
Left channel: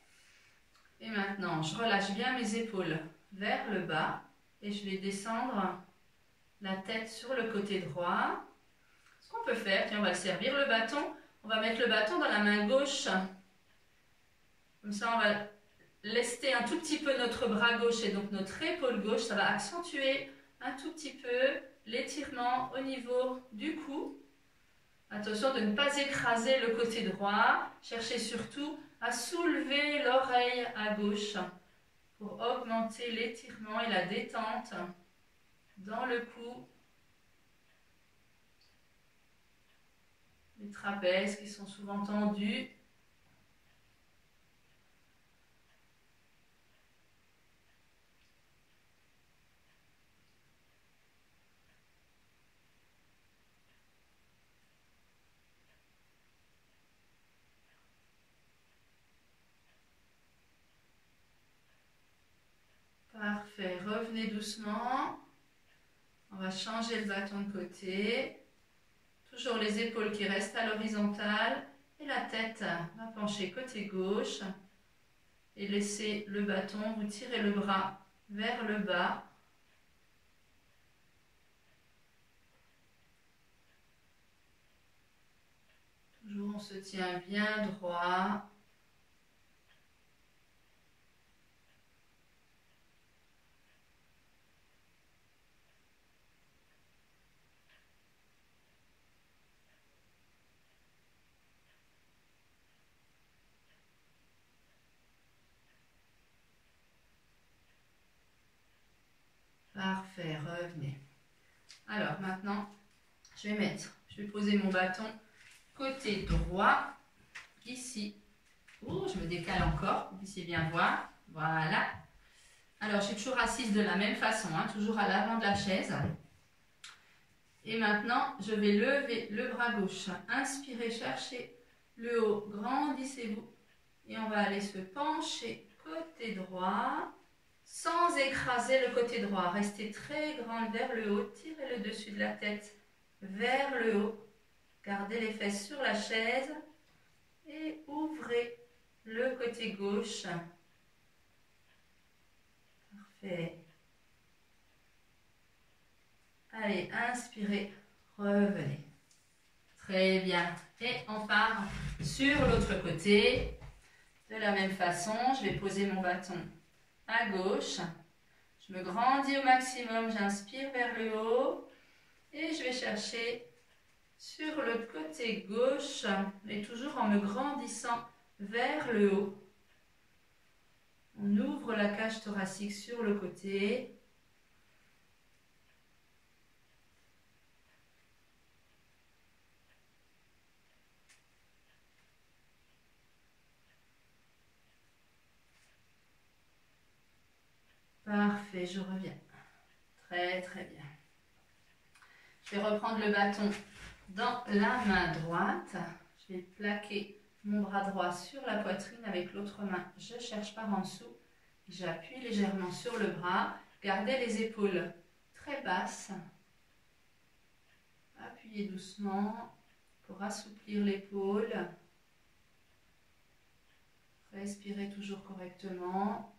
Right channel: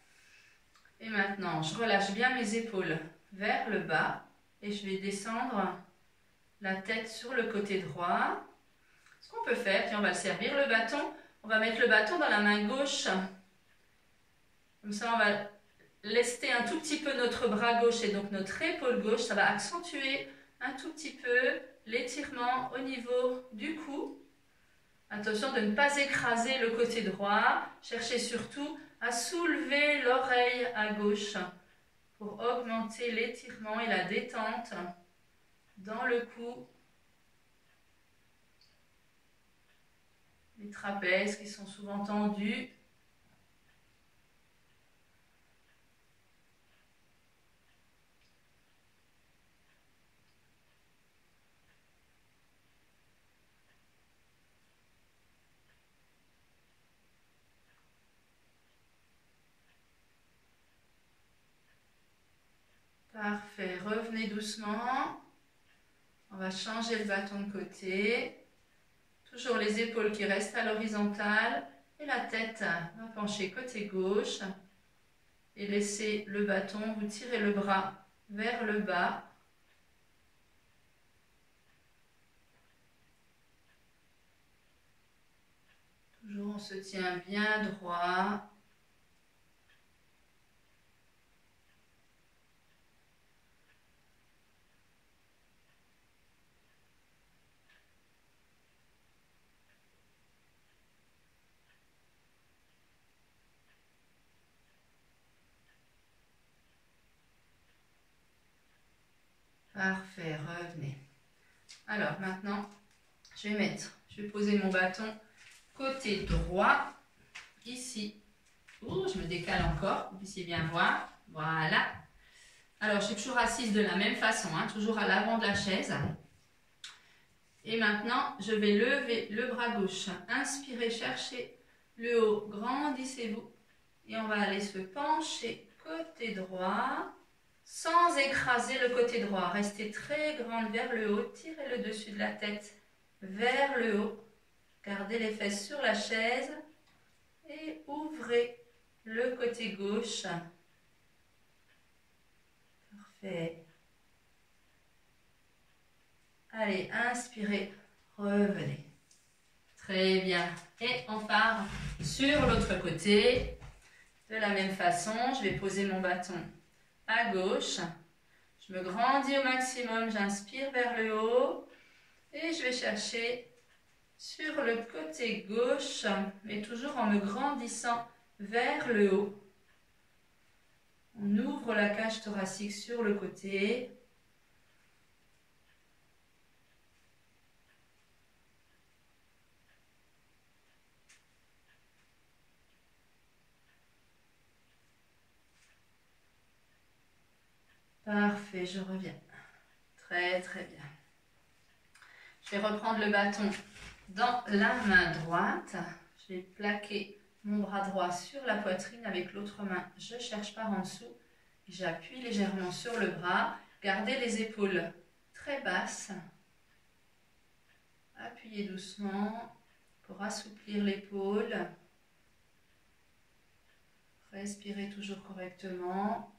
Et maintenant, je relâche bien mes épaules vers le bas et je vais descendre la tête sur le côté droit. Ce qu'on peut faire, tiens, on va le servir le bâton. On va mettre le bâton dans la main gauche. Comme ça, on va lester un tout petit peu notre bras gauche et donc notre épaule gauche. Ça va accentuer un tout petit peu l'étirement au niveau du cou. Attention de ne pas écraser le côté droit. Cherchez surtout à soulever l'oreille à gauche pour augmenter l'étirement et la détente dans le cou. Les trapèzes qui sont souvent tendus. Parfait, revenez doucement. On va changer le bâton de côté. Toujours les épaules qui restent à l'horizontale et la tête va pencher côté gauche. Et laissez le bâton, vous tirez le bras vers le bas. Toujours on se tient bien droit. Parfait, revenez. Alors maintenant, je vais poser mon bâton côté droit, ici. Oh, je me décale encore, vous puissiez bien voir. Voilà. Alors, je suis toujours assise de la même façon, toujours à l'avant de la chaise. Et maintenant, je vais lever le bras gauche. Inspirez, cherchez le haut, grandissez-vous. Et on va aller se pencher côté droit, sans écraser le côté droit. Restez très grande vers le haut, tirez le dessus de la tête vers le haut. Gardez les fesses sur la chaise et ouvrez le côté gauche. Parfait. Allez, inspirez, revenez. Très bien. Et on part sur l'autre côté. De la même façon, je vais poser mon bâton à gauche. Je me grandis au maximum, j'inspire vers le haut. Et je vais chercher sur le côté gauche, mais toujours en me grandissant vers le haut. On ouvre la cage thoracique sur le côté. Parfait, je reviens. Très, très bien. Je vais reprendre le bâton dans la main droite. Je vais plaquer mon bras droit sur la poitrine avec l'autre main. Je cherche par en dessous. J'appuie légèrement sur le bras. Gardez les épaules très basses. Appuyez doucement pour assouplir l'épaule. Respirez toujours correctement.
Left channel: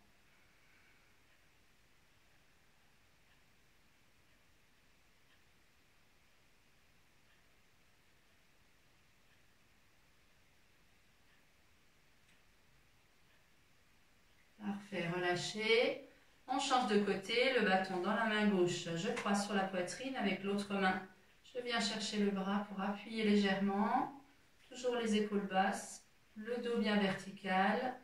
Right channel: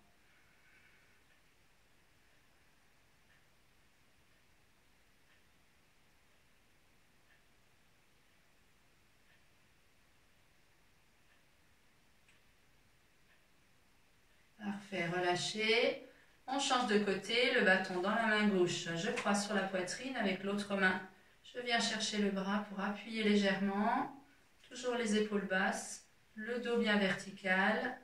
Parfait, relâchez. On change de côté, le bâton dans la main gauche. Je croise sur la poitrine avec l'autre main. Je viens chercher le bras pour appuyer légèrement. Toujours les épaules basses, le dos bien vertical.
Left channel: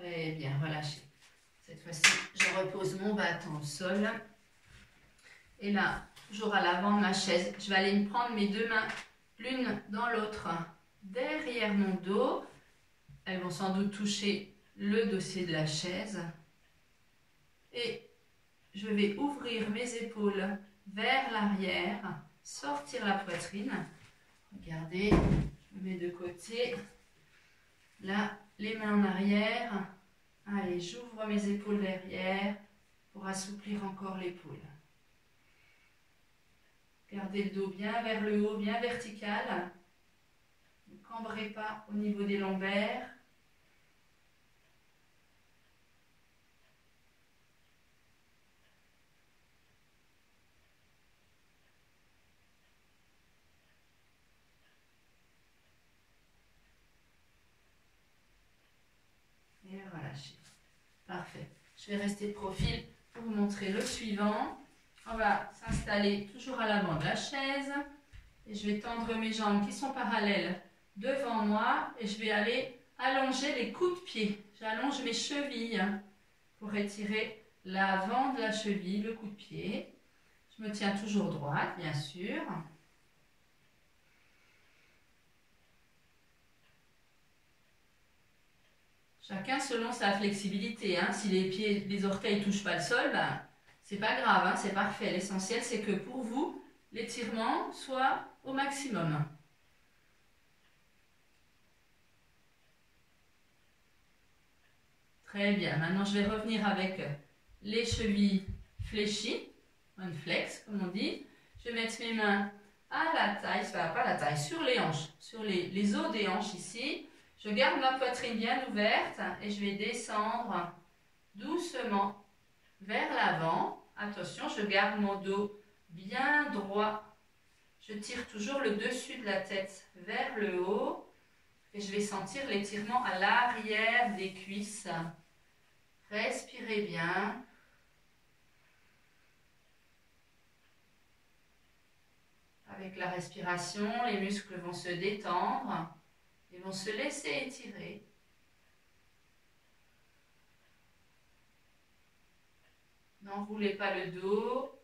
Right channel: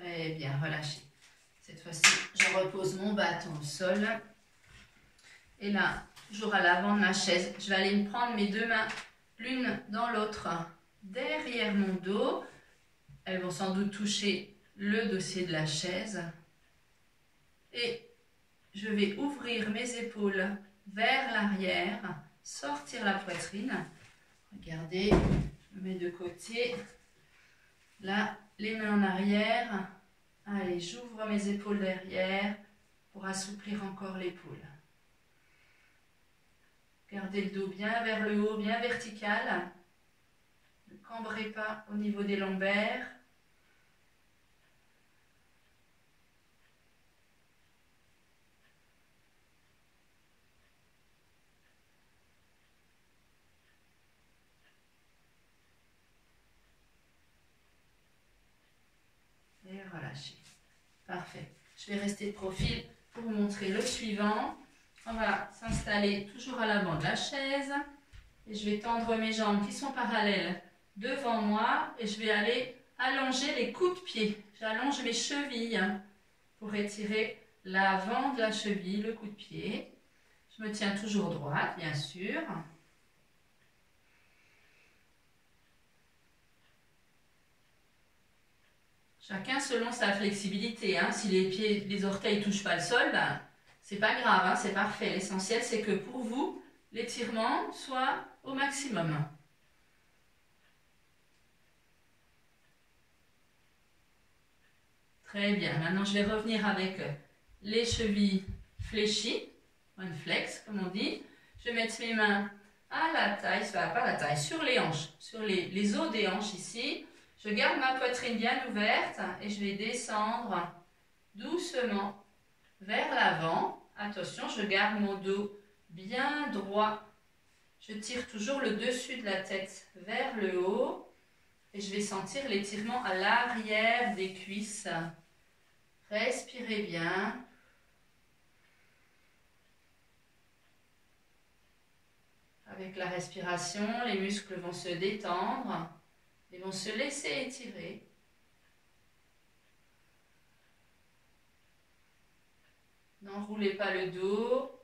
Très bien, relâchez. Cette fois-ci, je repose mon bâton au sol. Et là, toujours à l'avant de ma chaise, je vais aller me prendre mes deux mains, l'une dans l'autre, derrière mon dos. Elles vont sans doute toucher le dossier de la chaise. Et je vais ouvrir mes épaules vers l'arrière, sortir la poitrine. Regardez, je me mets de côté. Là, les mains en arrière. Allez, j'ouvre mes épaules derrière pour assouplir encore l'épaule. Gardez le dos bien vers le haut, bien vertical. Ne cambrez pas au niveau des lombaires. Et relâchez. Parfait. Je vais rester de profil pour vous montrer le suivant. On va s'installer toujours à l'avant de la chaise. Et je vais tendre mes jambes qui sont parallèles devant moi. Et je vais aller allonger les coups de pied. J'allonge mes chevilles pour étirer l'avant de la cheville, le coup de pied. Je me tiens toujours droite, bien sûr. Chacun selon sa flexibilité. Hein. Si les pieds, les orteils ne touchent pas le sol, ben, c'est pas grave, hein, c'est parfait. L'essentiel, c'est que pour vous, l'étirement soit au maximum. Très bien. Maintenant, je vais revenir avec les chevilles fléchies, one flex, comme on dit. Je vais mettre mes mains à la taille, pas la taille, sur les hanches, sur les os des hanches ici. Je garde ma poitrine bien ouverte et je vais descendre doucement vers l'avant. Attention, je garde mon dos bien droit. Je tire toujours le dessus de la tête vers le haut et je vais sentir l'étirement à l'arrière des cuisses. Respirez bien. Avec la respiration, les muscles vont se détendre. Ils vont se laisser étirer. N'enroulez pas le dos.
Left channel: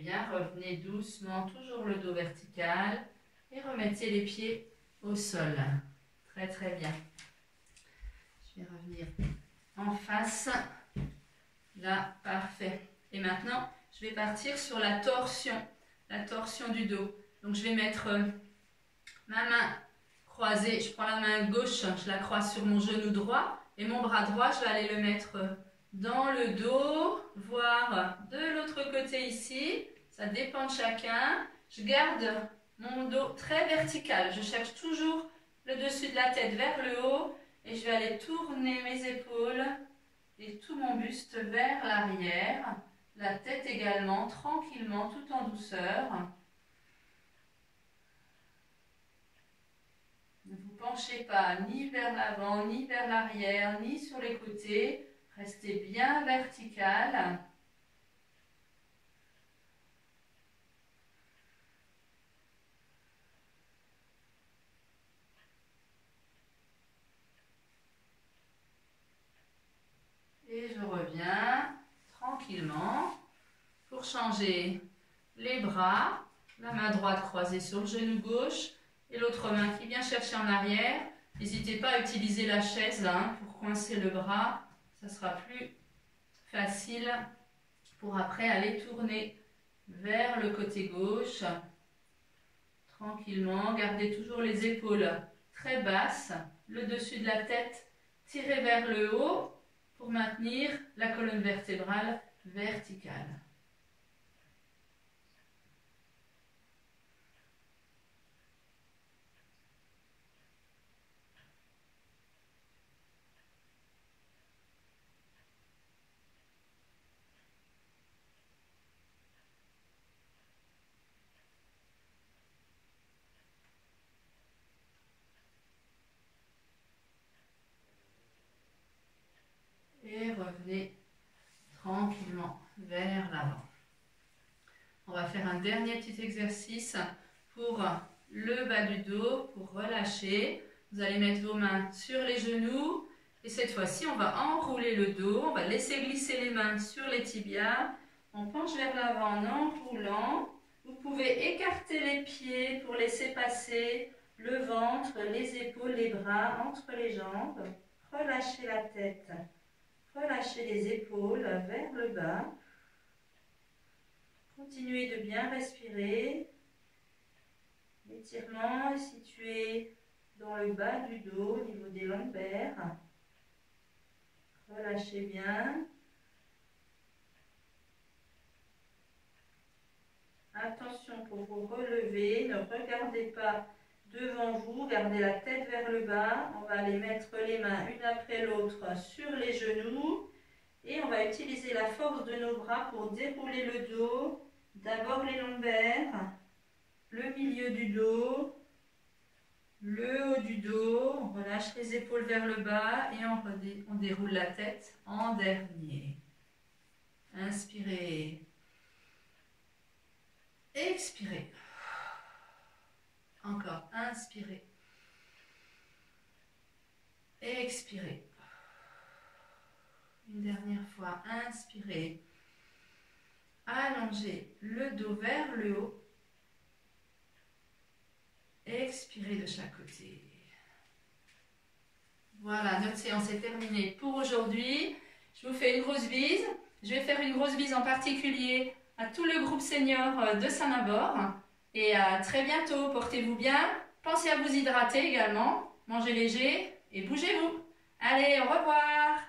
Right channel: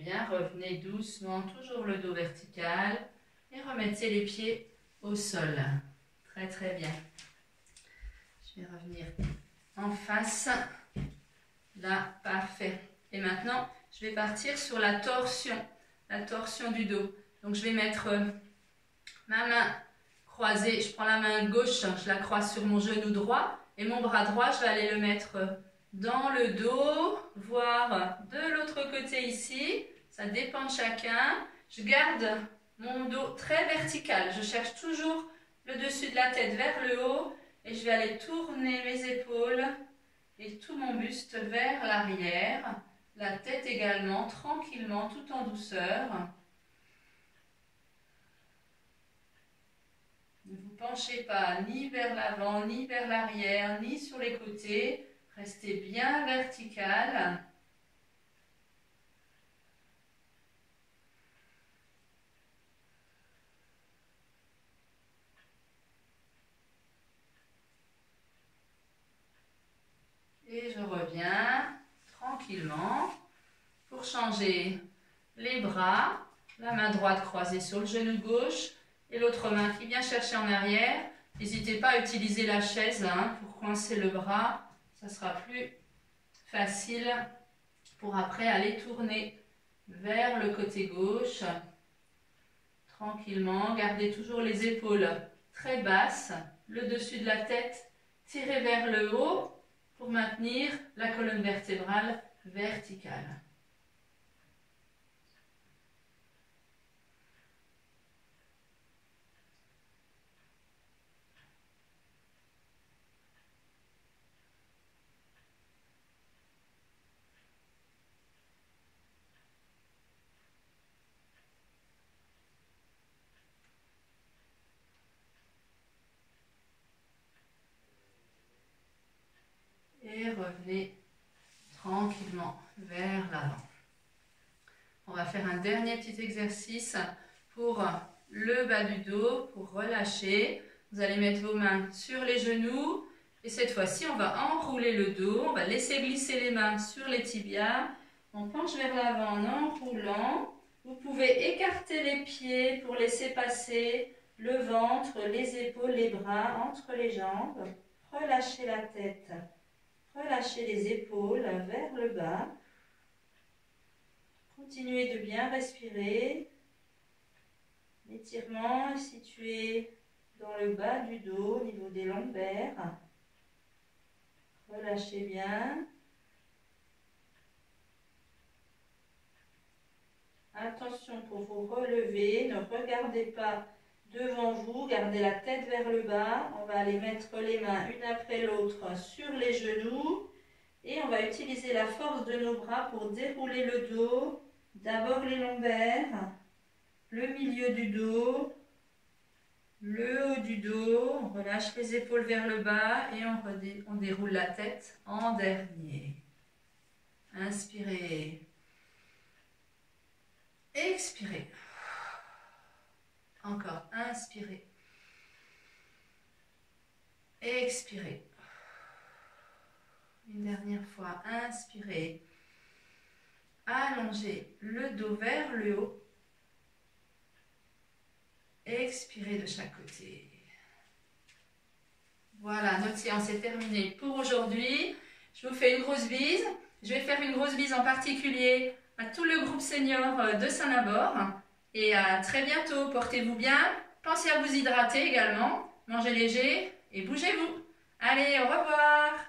bien, revenez doucement, toujours le dos vertical et remettez les pieds au sol. Très très bien. Je vais revenir en face. Là, parfait. Et maintenant, je vais partir sur la torsion du dos. Donc je vais mettre ma main croisée, je prends la main gauche, je la croise sur mon genou droit et mon bras droit, je vais aller le mettre dans le dos, voire de l'autre côté ici. Ça dépend de chacun. Je garde mon dos très vertical. Je cherche toujours le dessus de la tête vers le haut et je vais aller tourner mes épaules et tout mon buste vers l'arrière. La tête également, tranquillement, tout en douceur. Ne vous penchez pas ni vers l'avant, ni vers l'arrière, ni sur les côtés. Restez bien vertical. Et je reviens tranquillement pour changer les bras. La main droite croisée sur le genou gauche et l'autre main qui vient chercher en arrière. N'hésitez pas à utiliser la chaise là, pour coincer le bras. Ça sera plus facile pour après aller tourner vers le côté gauche. Tranquillement, gardez toujours les épaules très basses, le dessus de la tête tiré vers le haut pour maintenir la colonne vertébrale verticale. Et revenez tranquillement vers l'avant. On va faire un dernier petit exercice pour le bas du dos, pour relâcher. Vous allez mettre vos mains sur les genoux et cette fois-ci, on va enrouler le dos. On va laisser glisser les mains sur les tibias. On penche vers l'avant en enroulant. Vous pouvez écarter les pieds pour laisser passer le ventre, les épaules, les bras entre les jambes. Relâchez la tête. Relâchez les épaules vers le bas. Continuez de bien respirer. L'étirement est situé dans le bas du dos, au niveau des lombaires. Relâchez bien. Attention pour vous relever, ne regardez pas devant vous, gardez la tête vers le bas. On va aller mettre les mains une après l'autre sur les genoux et on va utiliser la force de nos bras pour dérouler le dos. D'abord les lombaires, le milieu du dos, le haut du dos. On relâche les épaules vers le bas et on déroule la tête en dernier. Inspirez. Expirez. Encore, inspirez. Expirez. Une dernière fois, inspirez. Allongez le dos vers le haut. Expirez de chaque côté. Voilà, notre séance est terminée pour aujourd'hui. Je vous fais une grosse bise. Je vais faire une grosse bise en particulier à tout le groupe senior de Saint-Nabor. Et à très bientôt. Portez-vous bien. Pensez à vous hydrater également. Mangez léger et bougez-vous. Allez, au revoir.